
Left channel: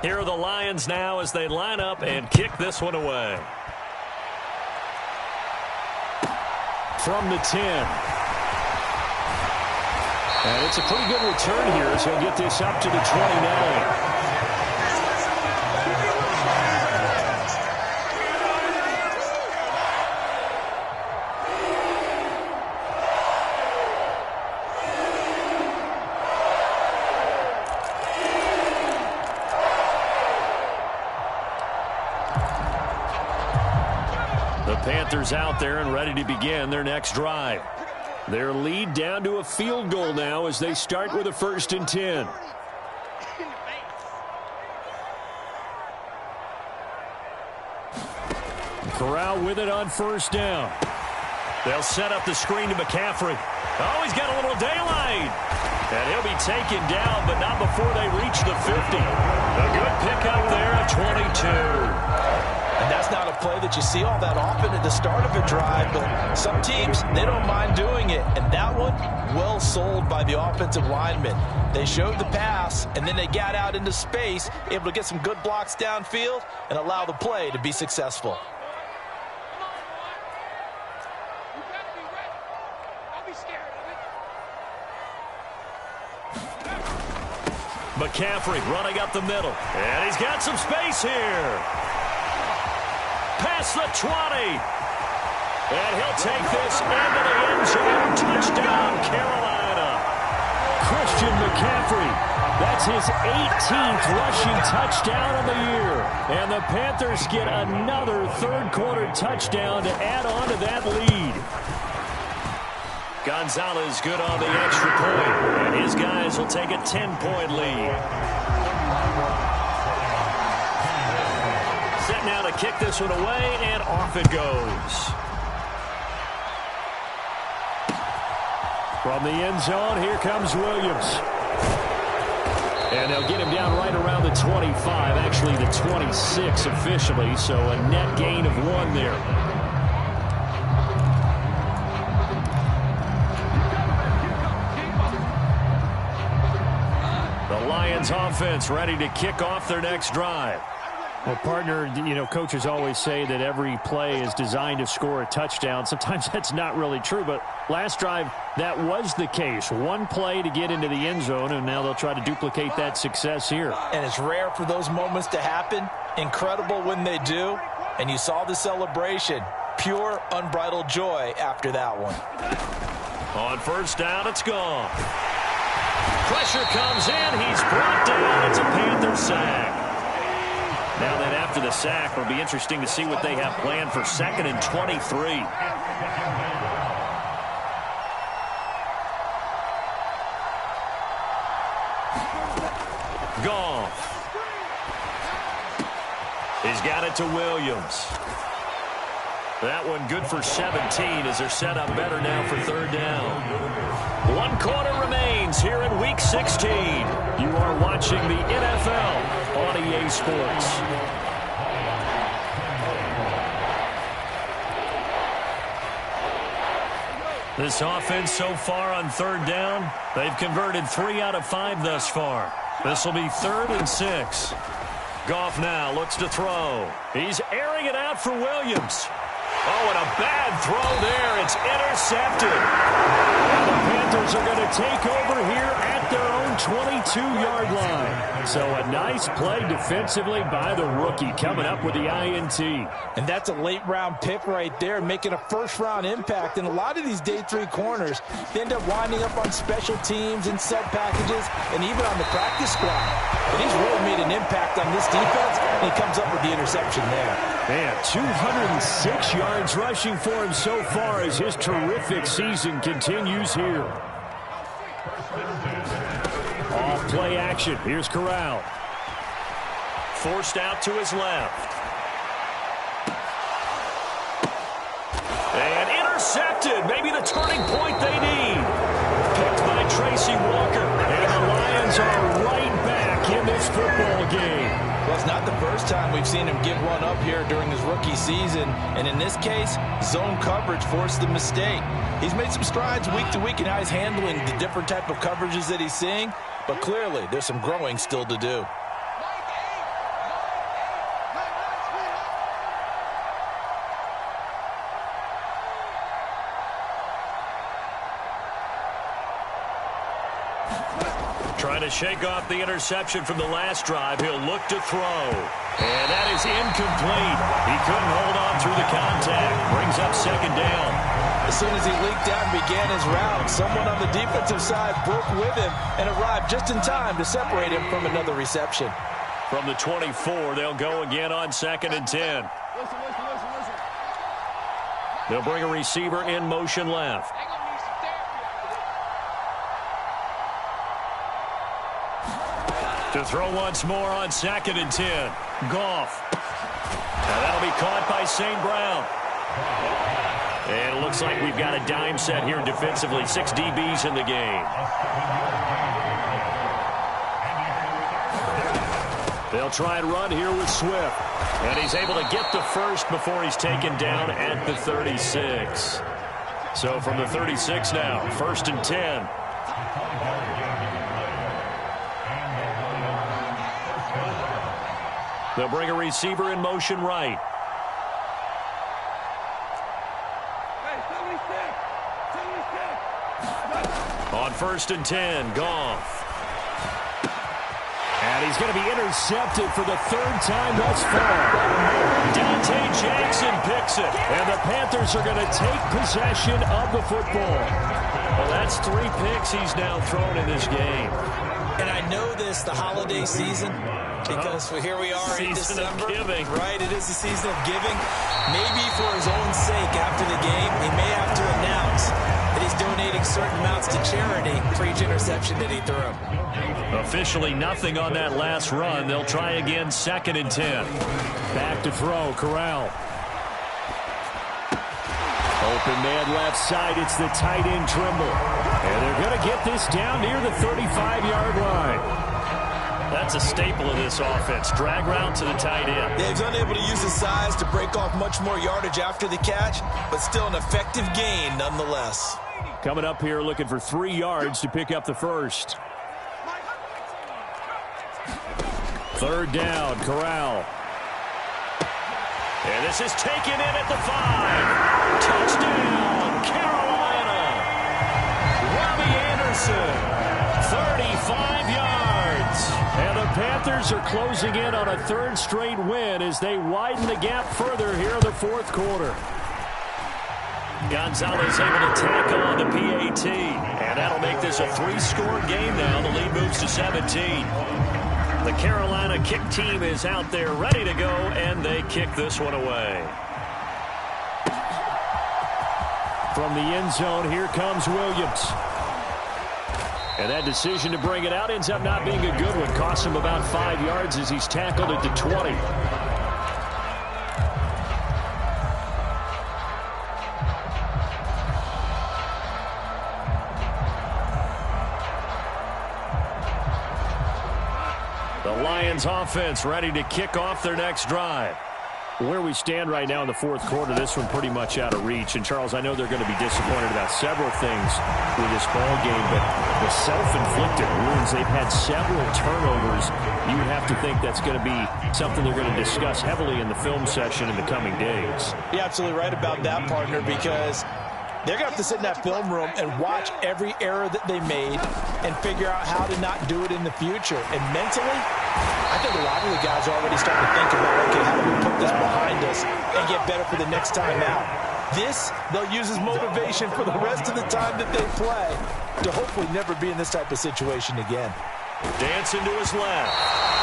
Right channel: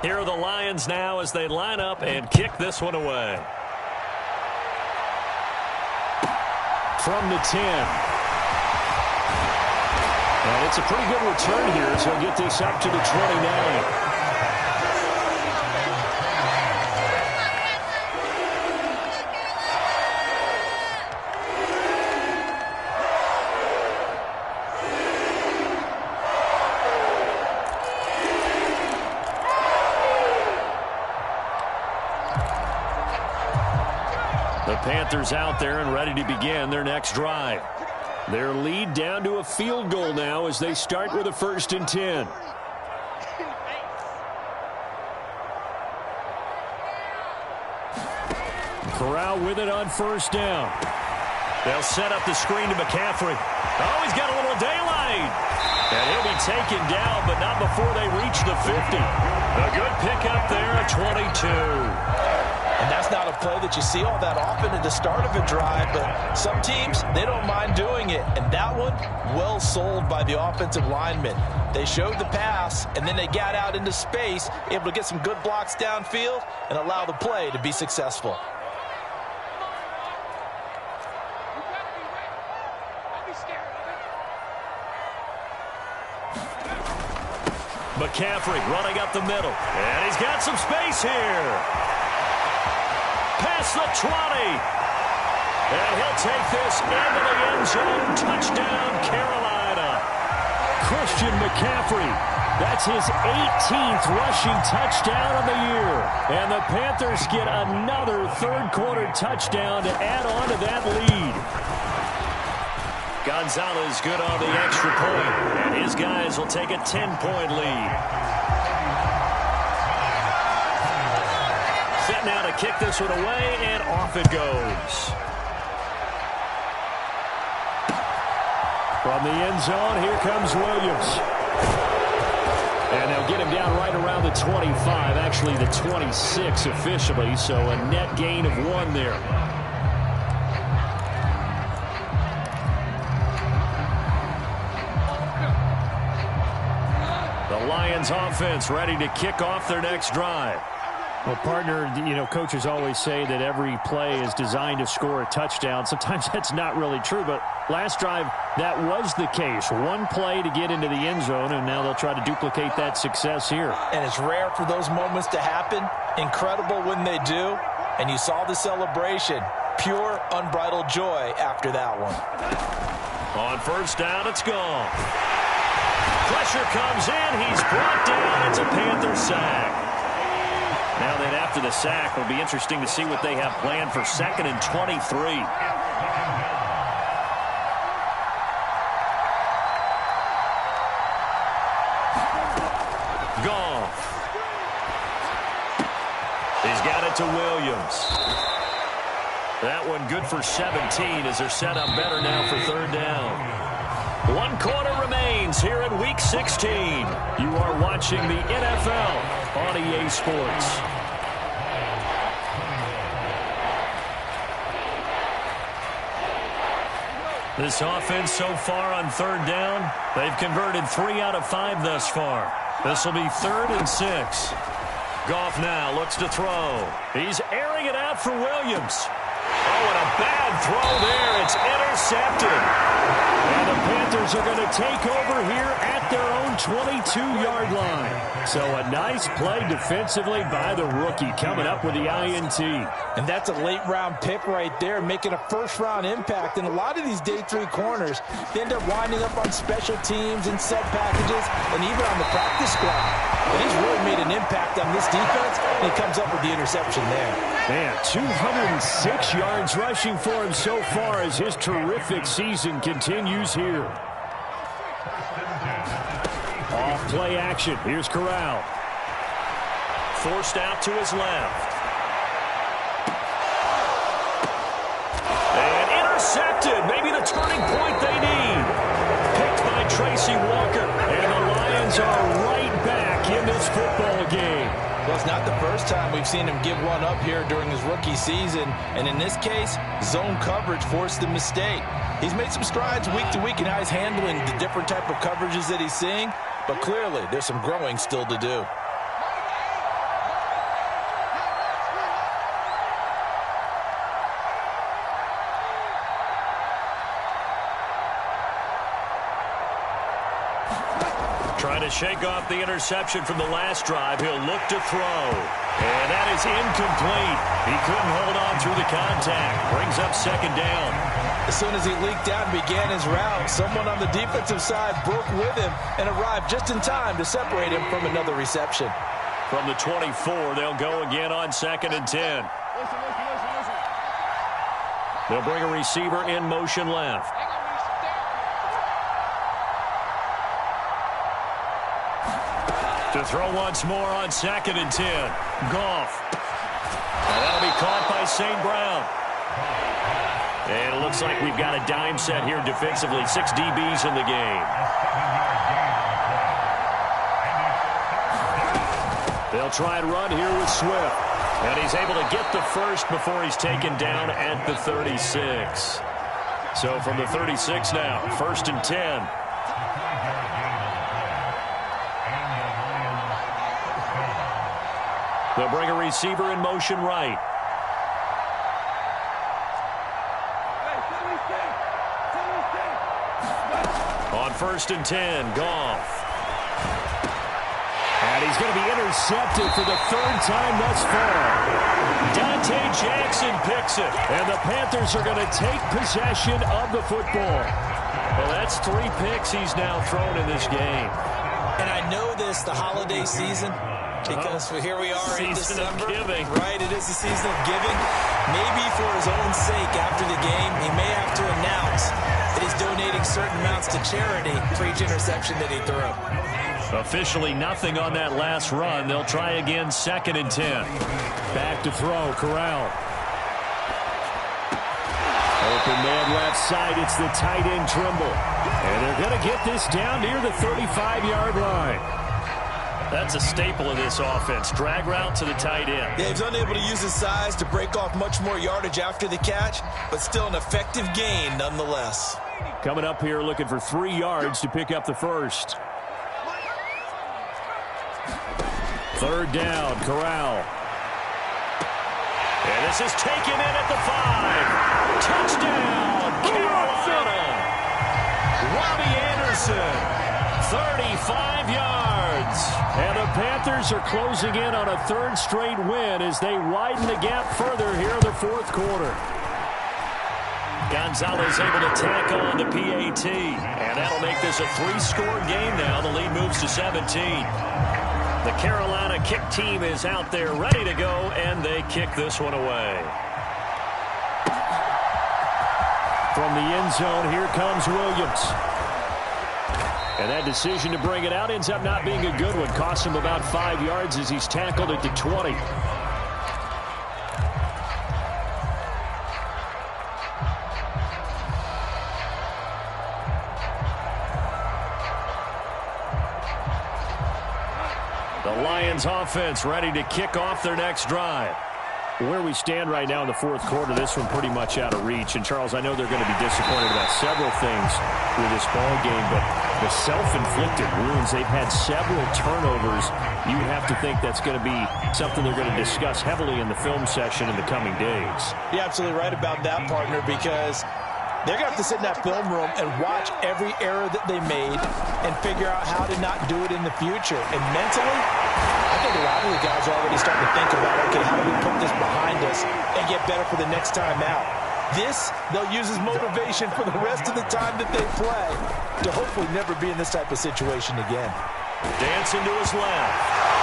Here are the Lions now as they line up and kick this one away. From the 10. And it's a pretty good return here as he'll get this up to the 29. The Panthers out there and ready to begin their next drive. Their lead down to a field goal now as they start with a 1st and 10. Corral with it on 1st down. They'll set up the screen to McCaffrey. Oh, he's got a little daylight. And he'll be taken down, but not before they reach the 50. A good pickup there at 22. And that's not a play that you see all that often at the start of a drive, but some teams, they don't mind doing it. And that one, well sold by the offensive linemen. They showed the pass, and then they got out into space, able to get some good blocks downfield and allow the play to be successful. McCaffrey running up the middle. And he's got some space here. Past the 20. And he'll take this into the end zone. Touchdown, Carolina. Christian McCaffrey. That's his 18th rushing touchdown of the year. And the Panthers get another third-quarter touchdown to add on to that lead. Gonzalez good on the extra point, and his guys will take a 10-point lead. Set now to kick this one away, and off it goes. From the end zone, here comes Williams. And they'll get him down right around the 25, actually the 26 officially, so a net gain of 1 there. The Lions offense ready to kick off their next drive. Well, partner, coaches always say that every play is designed to score a touchdown. Sometimes that's not really true, but last drive, that was the case. 1 play to get into the end zone, and now they'll try to duplicate that success here. And it's rare for those moments to happen. Incredible when they do. And you saw the celebration. Pure, unbridled joy after that one. On first down, it's gone. Pressure comes in. He's brought down. It's a Panther sack. Now then, after the sack, it'll be interesting to see what they have planned for 2nd and 23. Goff. He's got it to Williams. That one good for 17 as they're set up better now for 3rd down. 1 quarter remains here in Week 16. You are watching the NFL on EA Sports. This offense so far on 3rd down, they've converted 3 out of 5 thus far. This will be 3rd and 6. Goff now looks to throw. He's airing it out for Williams. Oh, and a bad throw there. It's intercepted. And the Panthers are going to take over here at their own 22-yard line. So a nice play defensively by the rookie coming up with the INT. And that's a late-round pick right there, making a first-round impact. And a lot of these day 3 corners, they end up winding up on special teams and sub-packages and even on the practice squad. But he's really made an impact on this defense, and he comes up with the interception there. Man, 206 yards rushing for him so far as his terrific season continues here. Off play action. Here's Corral. Forced out to his left. And intercepted. Maybe the turning point they need. Picked by Tracy Walker. And the Lions are right back in this football game. Well, it's not the first time we've seen him give one up here during his rookie season. And in this case, zone coverage forced the mistake. He's made some strides week to week in how he's handling the different type of coverages that he's seeing. But clearly, there's some growing still to do. Trying to shake off the interception from the last drive. He'll look to throw. And that is incomplete. He couldn't hold on through the contact. Brings up 2nd down. As soon as he leaked out and began his route, someone on the defensive side broke with him and arrived just in time to separate him from another reception. From the 24, they'll go again on 2nd and 10. Listen. They'll bring a receiver in motion left. To throw once more on 2nd and 10. Goff. And that'll be caught by St. Brown. And it looks like we've got a dime set here defensively. 6 DBs in the game. They'll try and run here with Swift. And he's able to get the first before he's taken down at the 36. So from the 36 now, 1st and 10. They'll bring a receiver in motion right. On 1st and 10, Goff. And he's going to be intercepted for the 3rd time thus far. Dante Jackson picks it. And the Panthers are going to take possession of the football. Well, that's 3 picks he's now thrown in this game. And I know this, the holiday season, because here we are in December. Of giving. Right, it is the season of giving. Maybe for his own sake after the game, he may have to announce that he's donating certain amounts to charity for each interception that he threw. Officially nothing on that last run. They'll try again, 2nd and 10. Back to throw, Corral. Open man left side. It's the tight end, Trimble. And they're going to get this down near the 35-yard line. That's a staple of this offense. Drag route to the tight end. Yeah, he's unable to use his size to break off much more yardage after the catch, but still an effective gain nonetheless. Coming up here looking for 3 yards to pick up the first. 3rd down, Corral. And this is taken in at the 5. Touchdown, Carolina. Robbie Anderson, 35 yards. And the Panthers are closing in on a 3rd straight win as they widen the gap further here in the 4th quarter. Gonzalez able to tack on the PAT. And that'll make this a 3-score game now. The lead moves to 17. The Carolina kick team is out there ready to go, and they kick this one away. From the end zone, here comes Williams. And that decision to bring it out ends up not being a good one. Costs him about 5 yards as he's tackled at the 20. The Lions offense ready to kick off their next drive. Where we stand right now in the 4th quarter, this one pretty much out of reach. And, Charles, I know they're going to be disappointed about several things with this ball game, but the self-inflicted wounds, they've had several turnovers. You have to think that's going to be something they're going to discuss heavily in the film session in the coming days. You're absolutely right about that, partner, because they're going to have to sit in that film room and watch every error that they made and figure out how to not do it in the future. And mentally, I think a lot of the guys are already starting to think about, okay, how do we put this behind us and get better for the next time out? This, they'll use as motivation for the rest of the time that they play to hopefully never be in this type of situation again. Dancing to his left.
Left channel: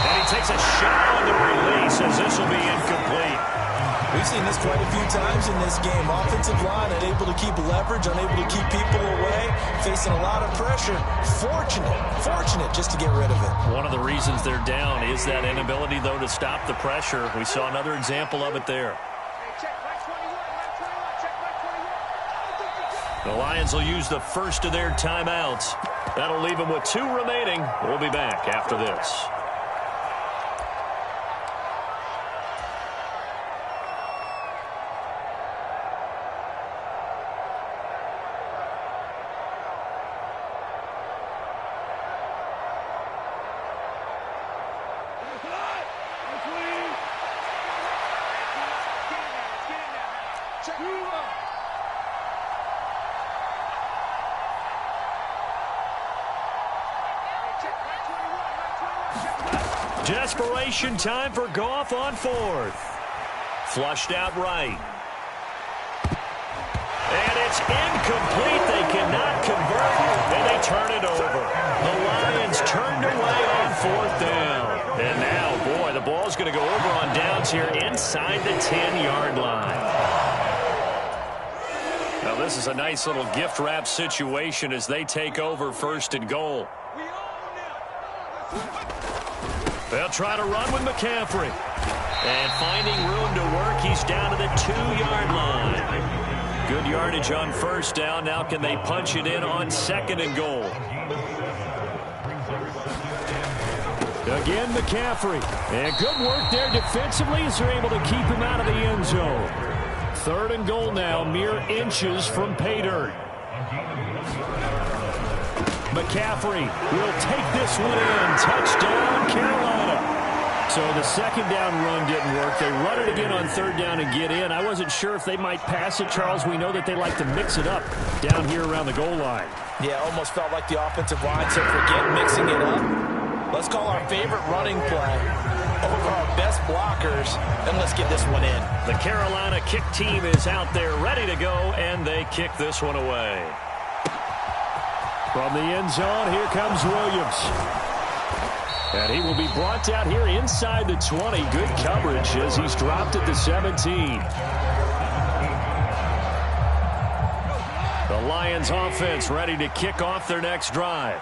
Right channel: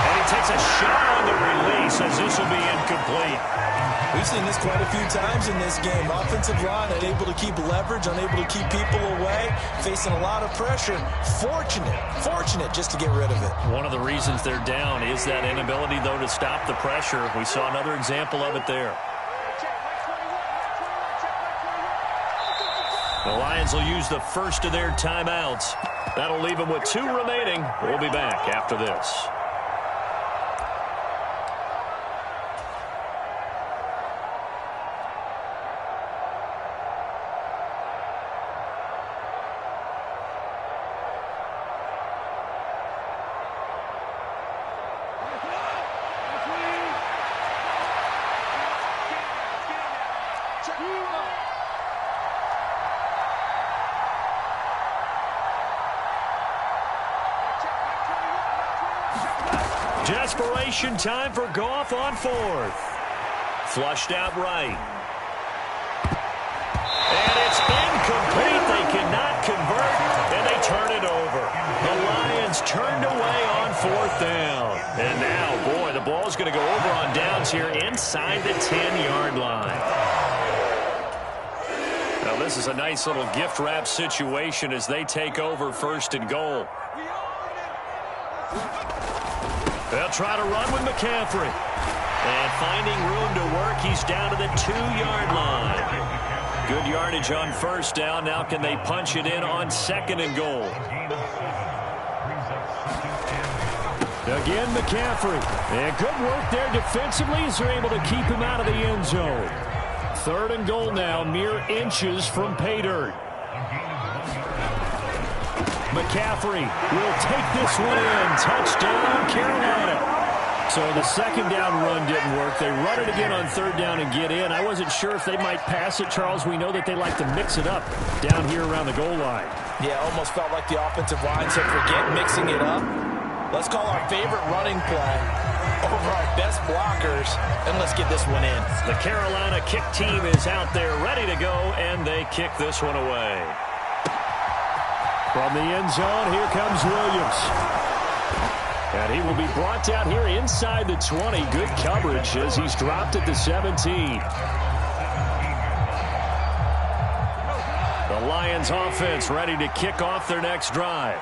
And he takes a shot on the release as this will be incomplete. We've seen this quite a few times in this game. Offensive line unable to keep leverage, unable to keep people away, facing a lot of pressure. Fortunate just to get rid of it. One of the reasons they're down is that inability, though, to stop the pressure. We saw another example of it there. The Lions will use the first of their timeouts. That'll leave them with 2 remaining. We'll be back after this. Desperation time for Goff on 4th. Flushed out right. And it's incomplete. They cannot convert, and they turn it over. The Lions turned away on 4th down. And now, boy, the ball's going to go over on downs here inside the 10-yard line. Now, this is a nice little gift wrap situation as they take over 1st and goal. They'll try to run with McCaffrey. And finding room to work, he's down to the 2-yard line. Good yardage on 1st down. Now can they punch it in on 2nd and goal? Again, McCaffrey. And good work there defensively as they're able to keep him out of the end zone. 3rd and goal now, mere inches from pay dirt. McCaffrey will take this one in. Touchdown, Carolina. So the 2nd down run didn't work. They run it again on 3rd down and get in. I wasn't sure if they might pass it, Charles. We know that they like to mix it up down here around the goal line. Yeah, almost felt like the offensive line said, forget mixing it up. Let's call our favorite running play over our best blockers, and let's get this one in. The Carolina kick team is out there ready to go, and they kick this one away. From the end zone, here comes Williams. And he will be brought down here inside the 20. Good coverage as he's dropped at the 17. The Lions offense ready to kick off their next drive.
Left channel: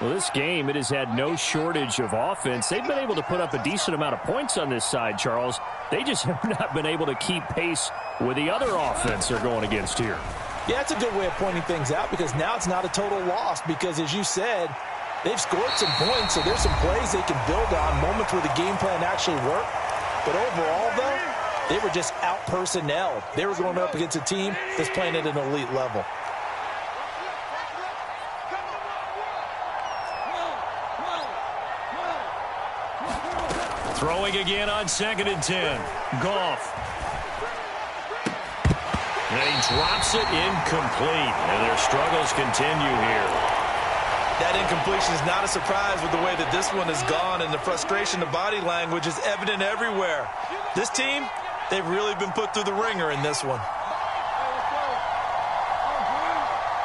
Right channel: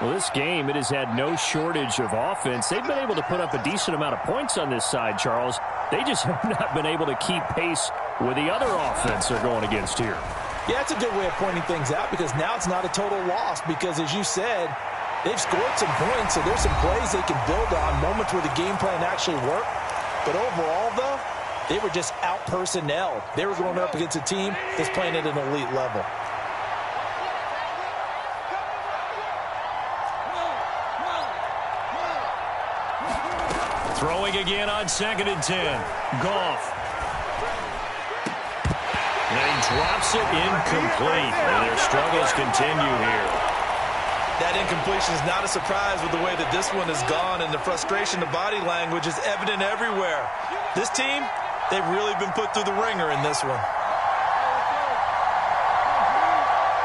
Well, this game, it has had no shortage of offense. They've been able to put up a decent amount of points on this side, Charles. They just have not been able to keep pace with the other offense they're going against here. Yeah, it's a good way of pointing things out because now it's not a total loss because, as you said, they've scored some points, so there's some plays they can build on, moments where the game plan actually worked. But overall, though, they were just out-personnelled. They were going up against a team that's playing at an elite level. Throwing again on 2nd and 10. Goff. And he drops it incomplete. And their struggles continue here. That incompletion is not a surprise with the way that this one has gone, and the frustration, the body language is evident everywhere. This team, they've really been put through the ringer in this one.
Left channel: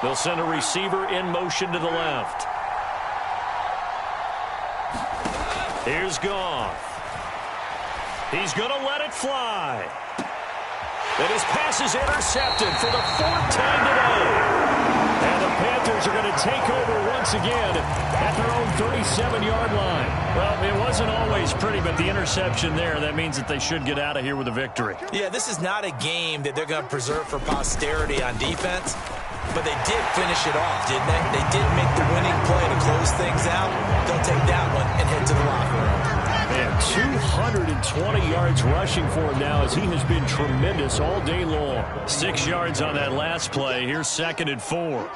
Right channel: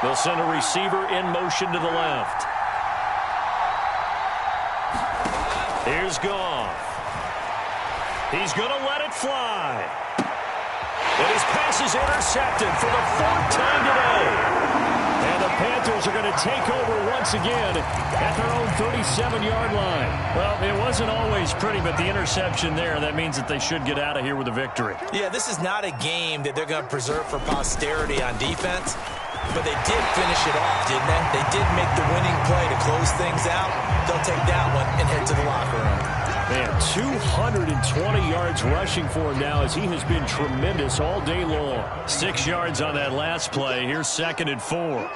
They'll send a receiver in motion to the left. Here's Goff. He's going to let it fly. And his pass is intercepted for the 4th time today. And the Panthers are going to take over once again at their own 37-yard line. Well, it wasn't always pretty, but the interception there, that means that they should get out of here with a victory. Yeah, this is not a game that they're going to preserve for posterity on defense, but they did finish it off, didn't they? They did make the winning play to close things out. They'll take that one and head to the locker room. Man, 220 yards rushing for him now as he has been tremendous all day long. 6 yards on that last play. Here's 2nd and 4.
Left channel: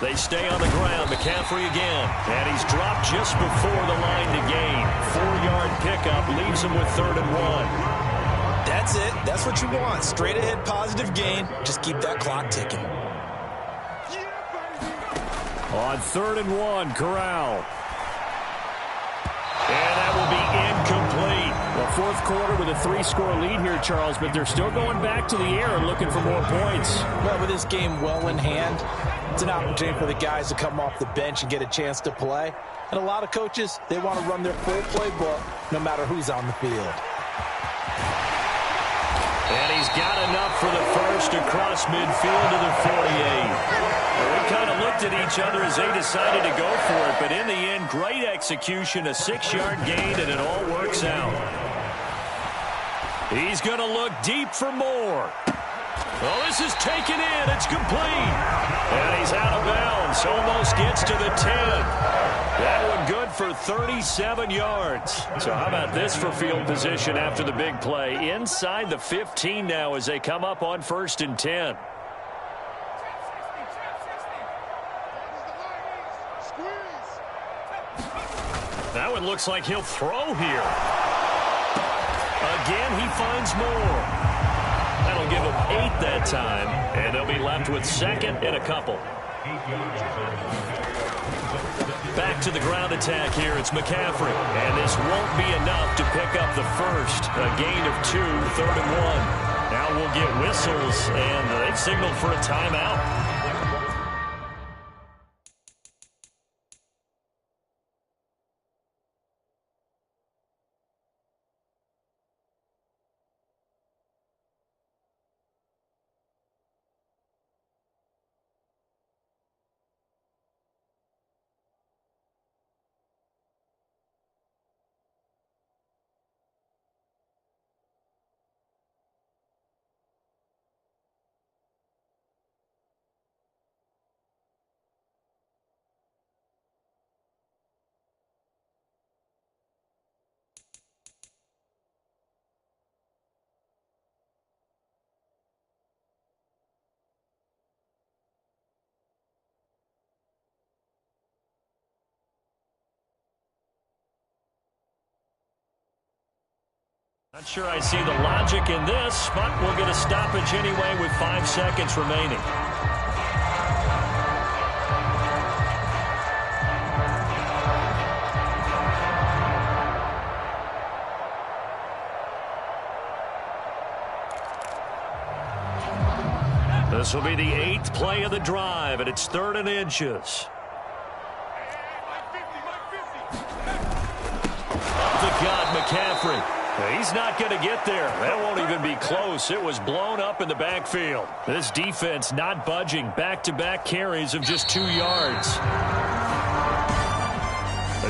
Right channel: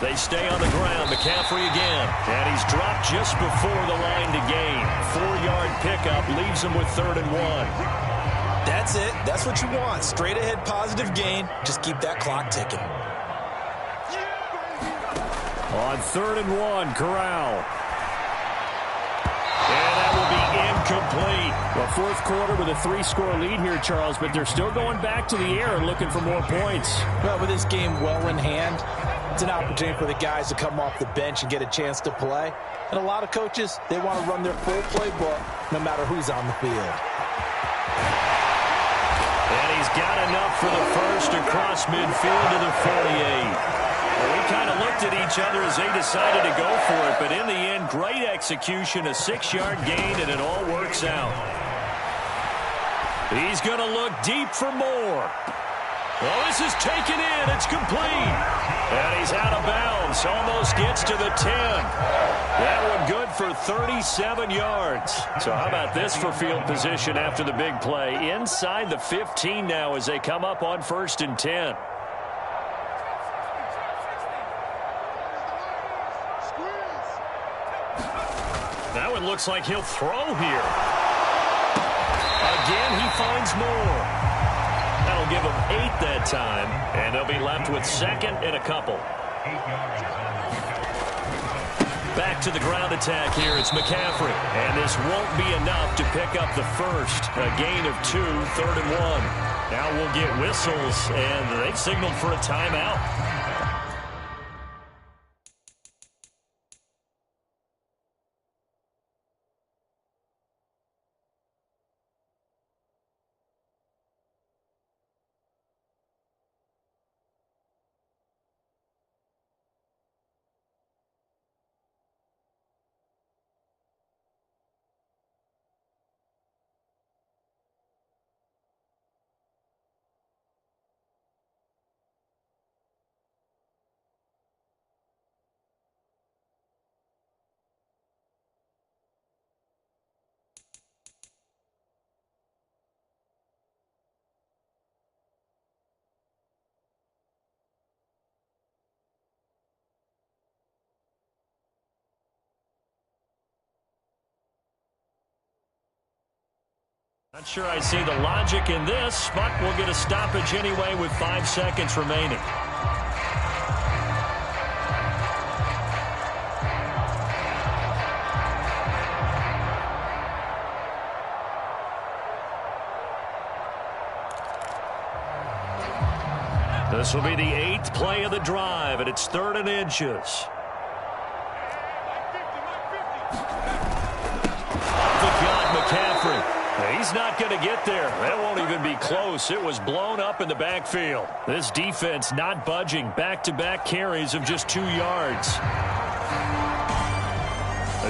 They stay on the ground. McCaffrey again. And he's dropped just before the line to gain. 4-yard pickup leaves him with 3rd and 1. That's it. That's what you want. Straight ahead positive gain. Just keep that clock ticking. On 3rd and 1, Corral. And that will be incomplete. Well, 4th quarter with a 3-score lead here, Charles, but they're still going back to the air and looking for more points. Well, with this game well in hand, it's an opportunity for the guys to come off the bench and get a chance to play. And a lot of coaches, they want to run their full playbook no matter who's on the field. And he's got enough for the first across midfield to the 48. Well, we kind of looked at each other as they decided to go for it, but in the end, great execution, a 6-yard gain, and it all works out. He's going to look deep for more. Oh, this is taken in. It's complete. And he's out of bounds. Almost gets to the 10. That one good for 37 yards. So how about this for field position after the big play? Inside the 15 now as they come up on 1st and 10. That one looks like he'll throw here. Again, he finds more. That'll give him 8 that time, and they'll be left with 2nd and a couple. Back to the ground attack here. It's McCaffrey, and this won't be enough to pick up the first. A gain of 2, 3rd and 1. Now we'll get whistles, and they've signaled for a timeout. Not sure I see the logic in this, but we'll get a stoppage anyway with 5 seconds remaining. This will be the 8th play of the drive, and it's 3rd and inches. Up the gut, McCaffrey. He's not going to get there. That won't even be close. It was blown up in the backfield. This defense not budging. Back-to-back carries of just 2 yards.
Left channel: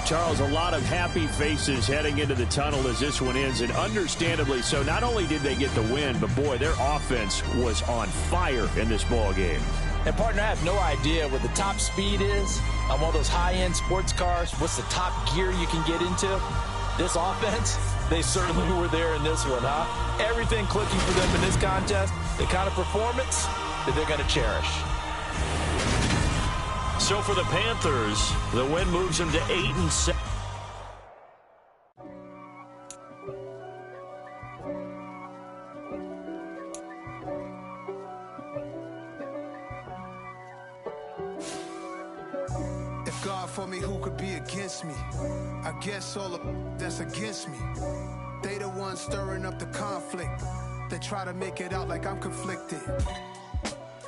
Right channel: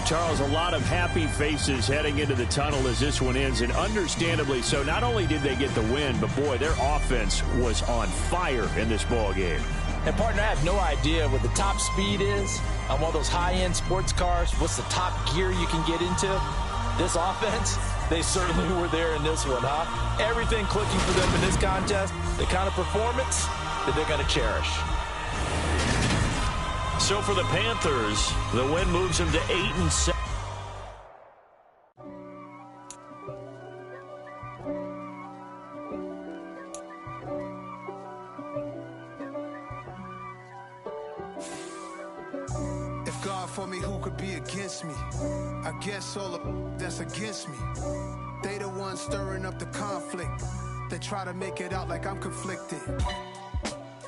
Charles, a lot of happy faces heading into the tunnel as this one ends, and understandably so. Not only did they get the win, but, boy, their offense was on fire in this ball game. And, partner, I have no idea what the top speed is on one of those high-end sports cars. What's the top gear you can get into? This offense, they certainly were there in this one, huh? Everything clicking for them in this contest, the kind of performance that they're going to cherish. So for the Panthers, the win moves them to 8-7. If God for me, who could be against me? I guess all of that's against me. They the ones stirring up the conflict. They try to make it out like I'm conflicted.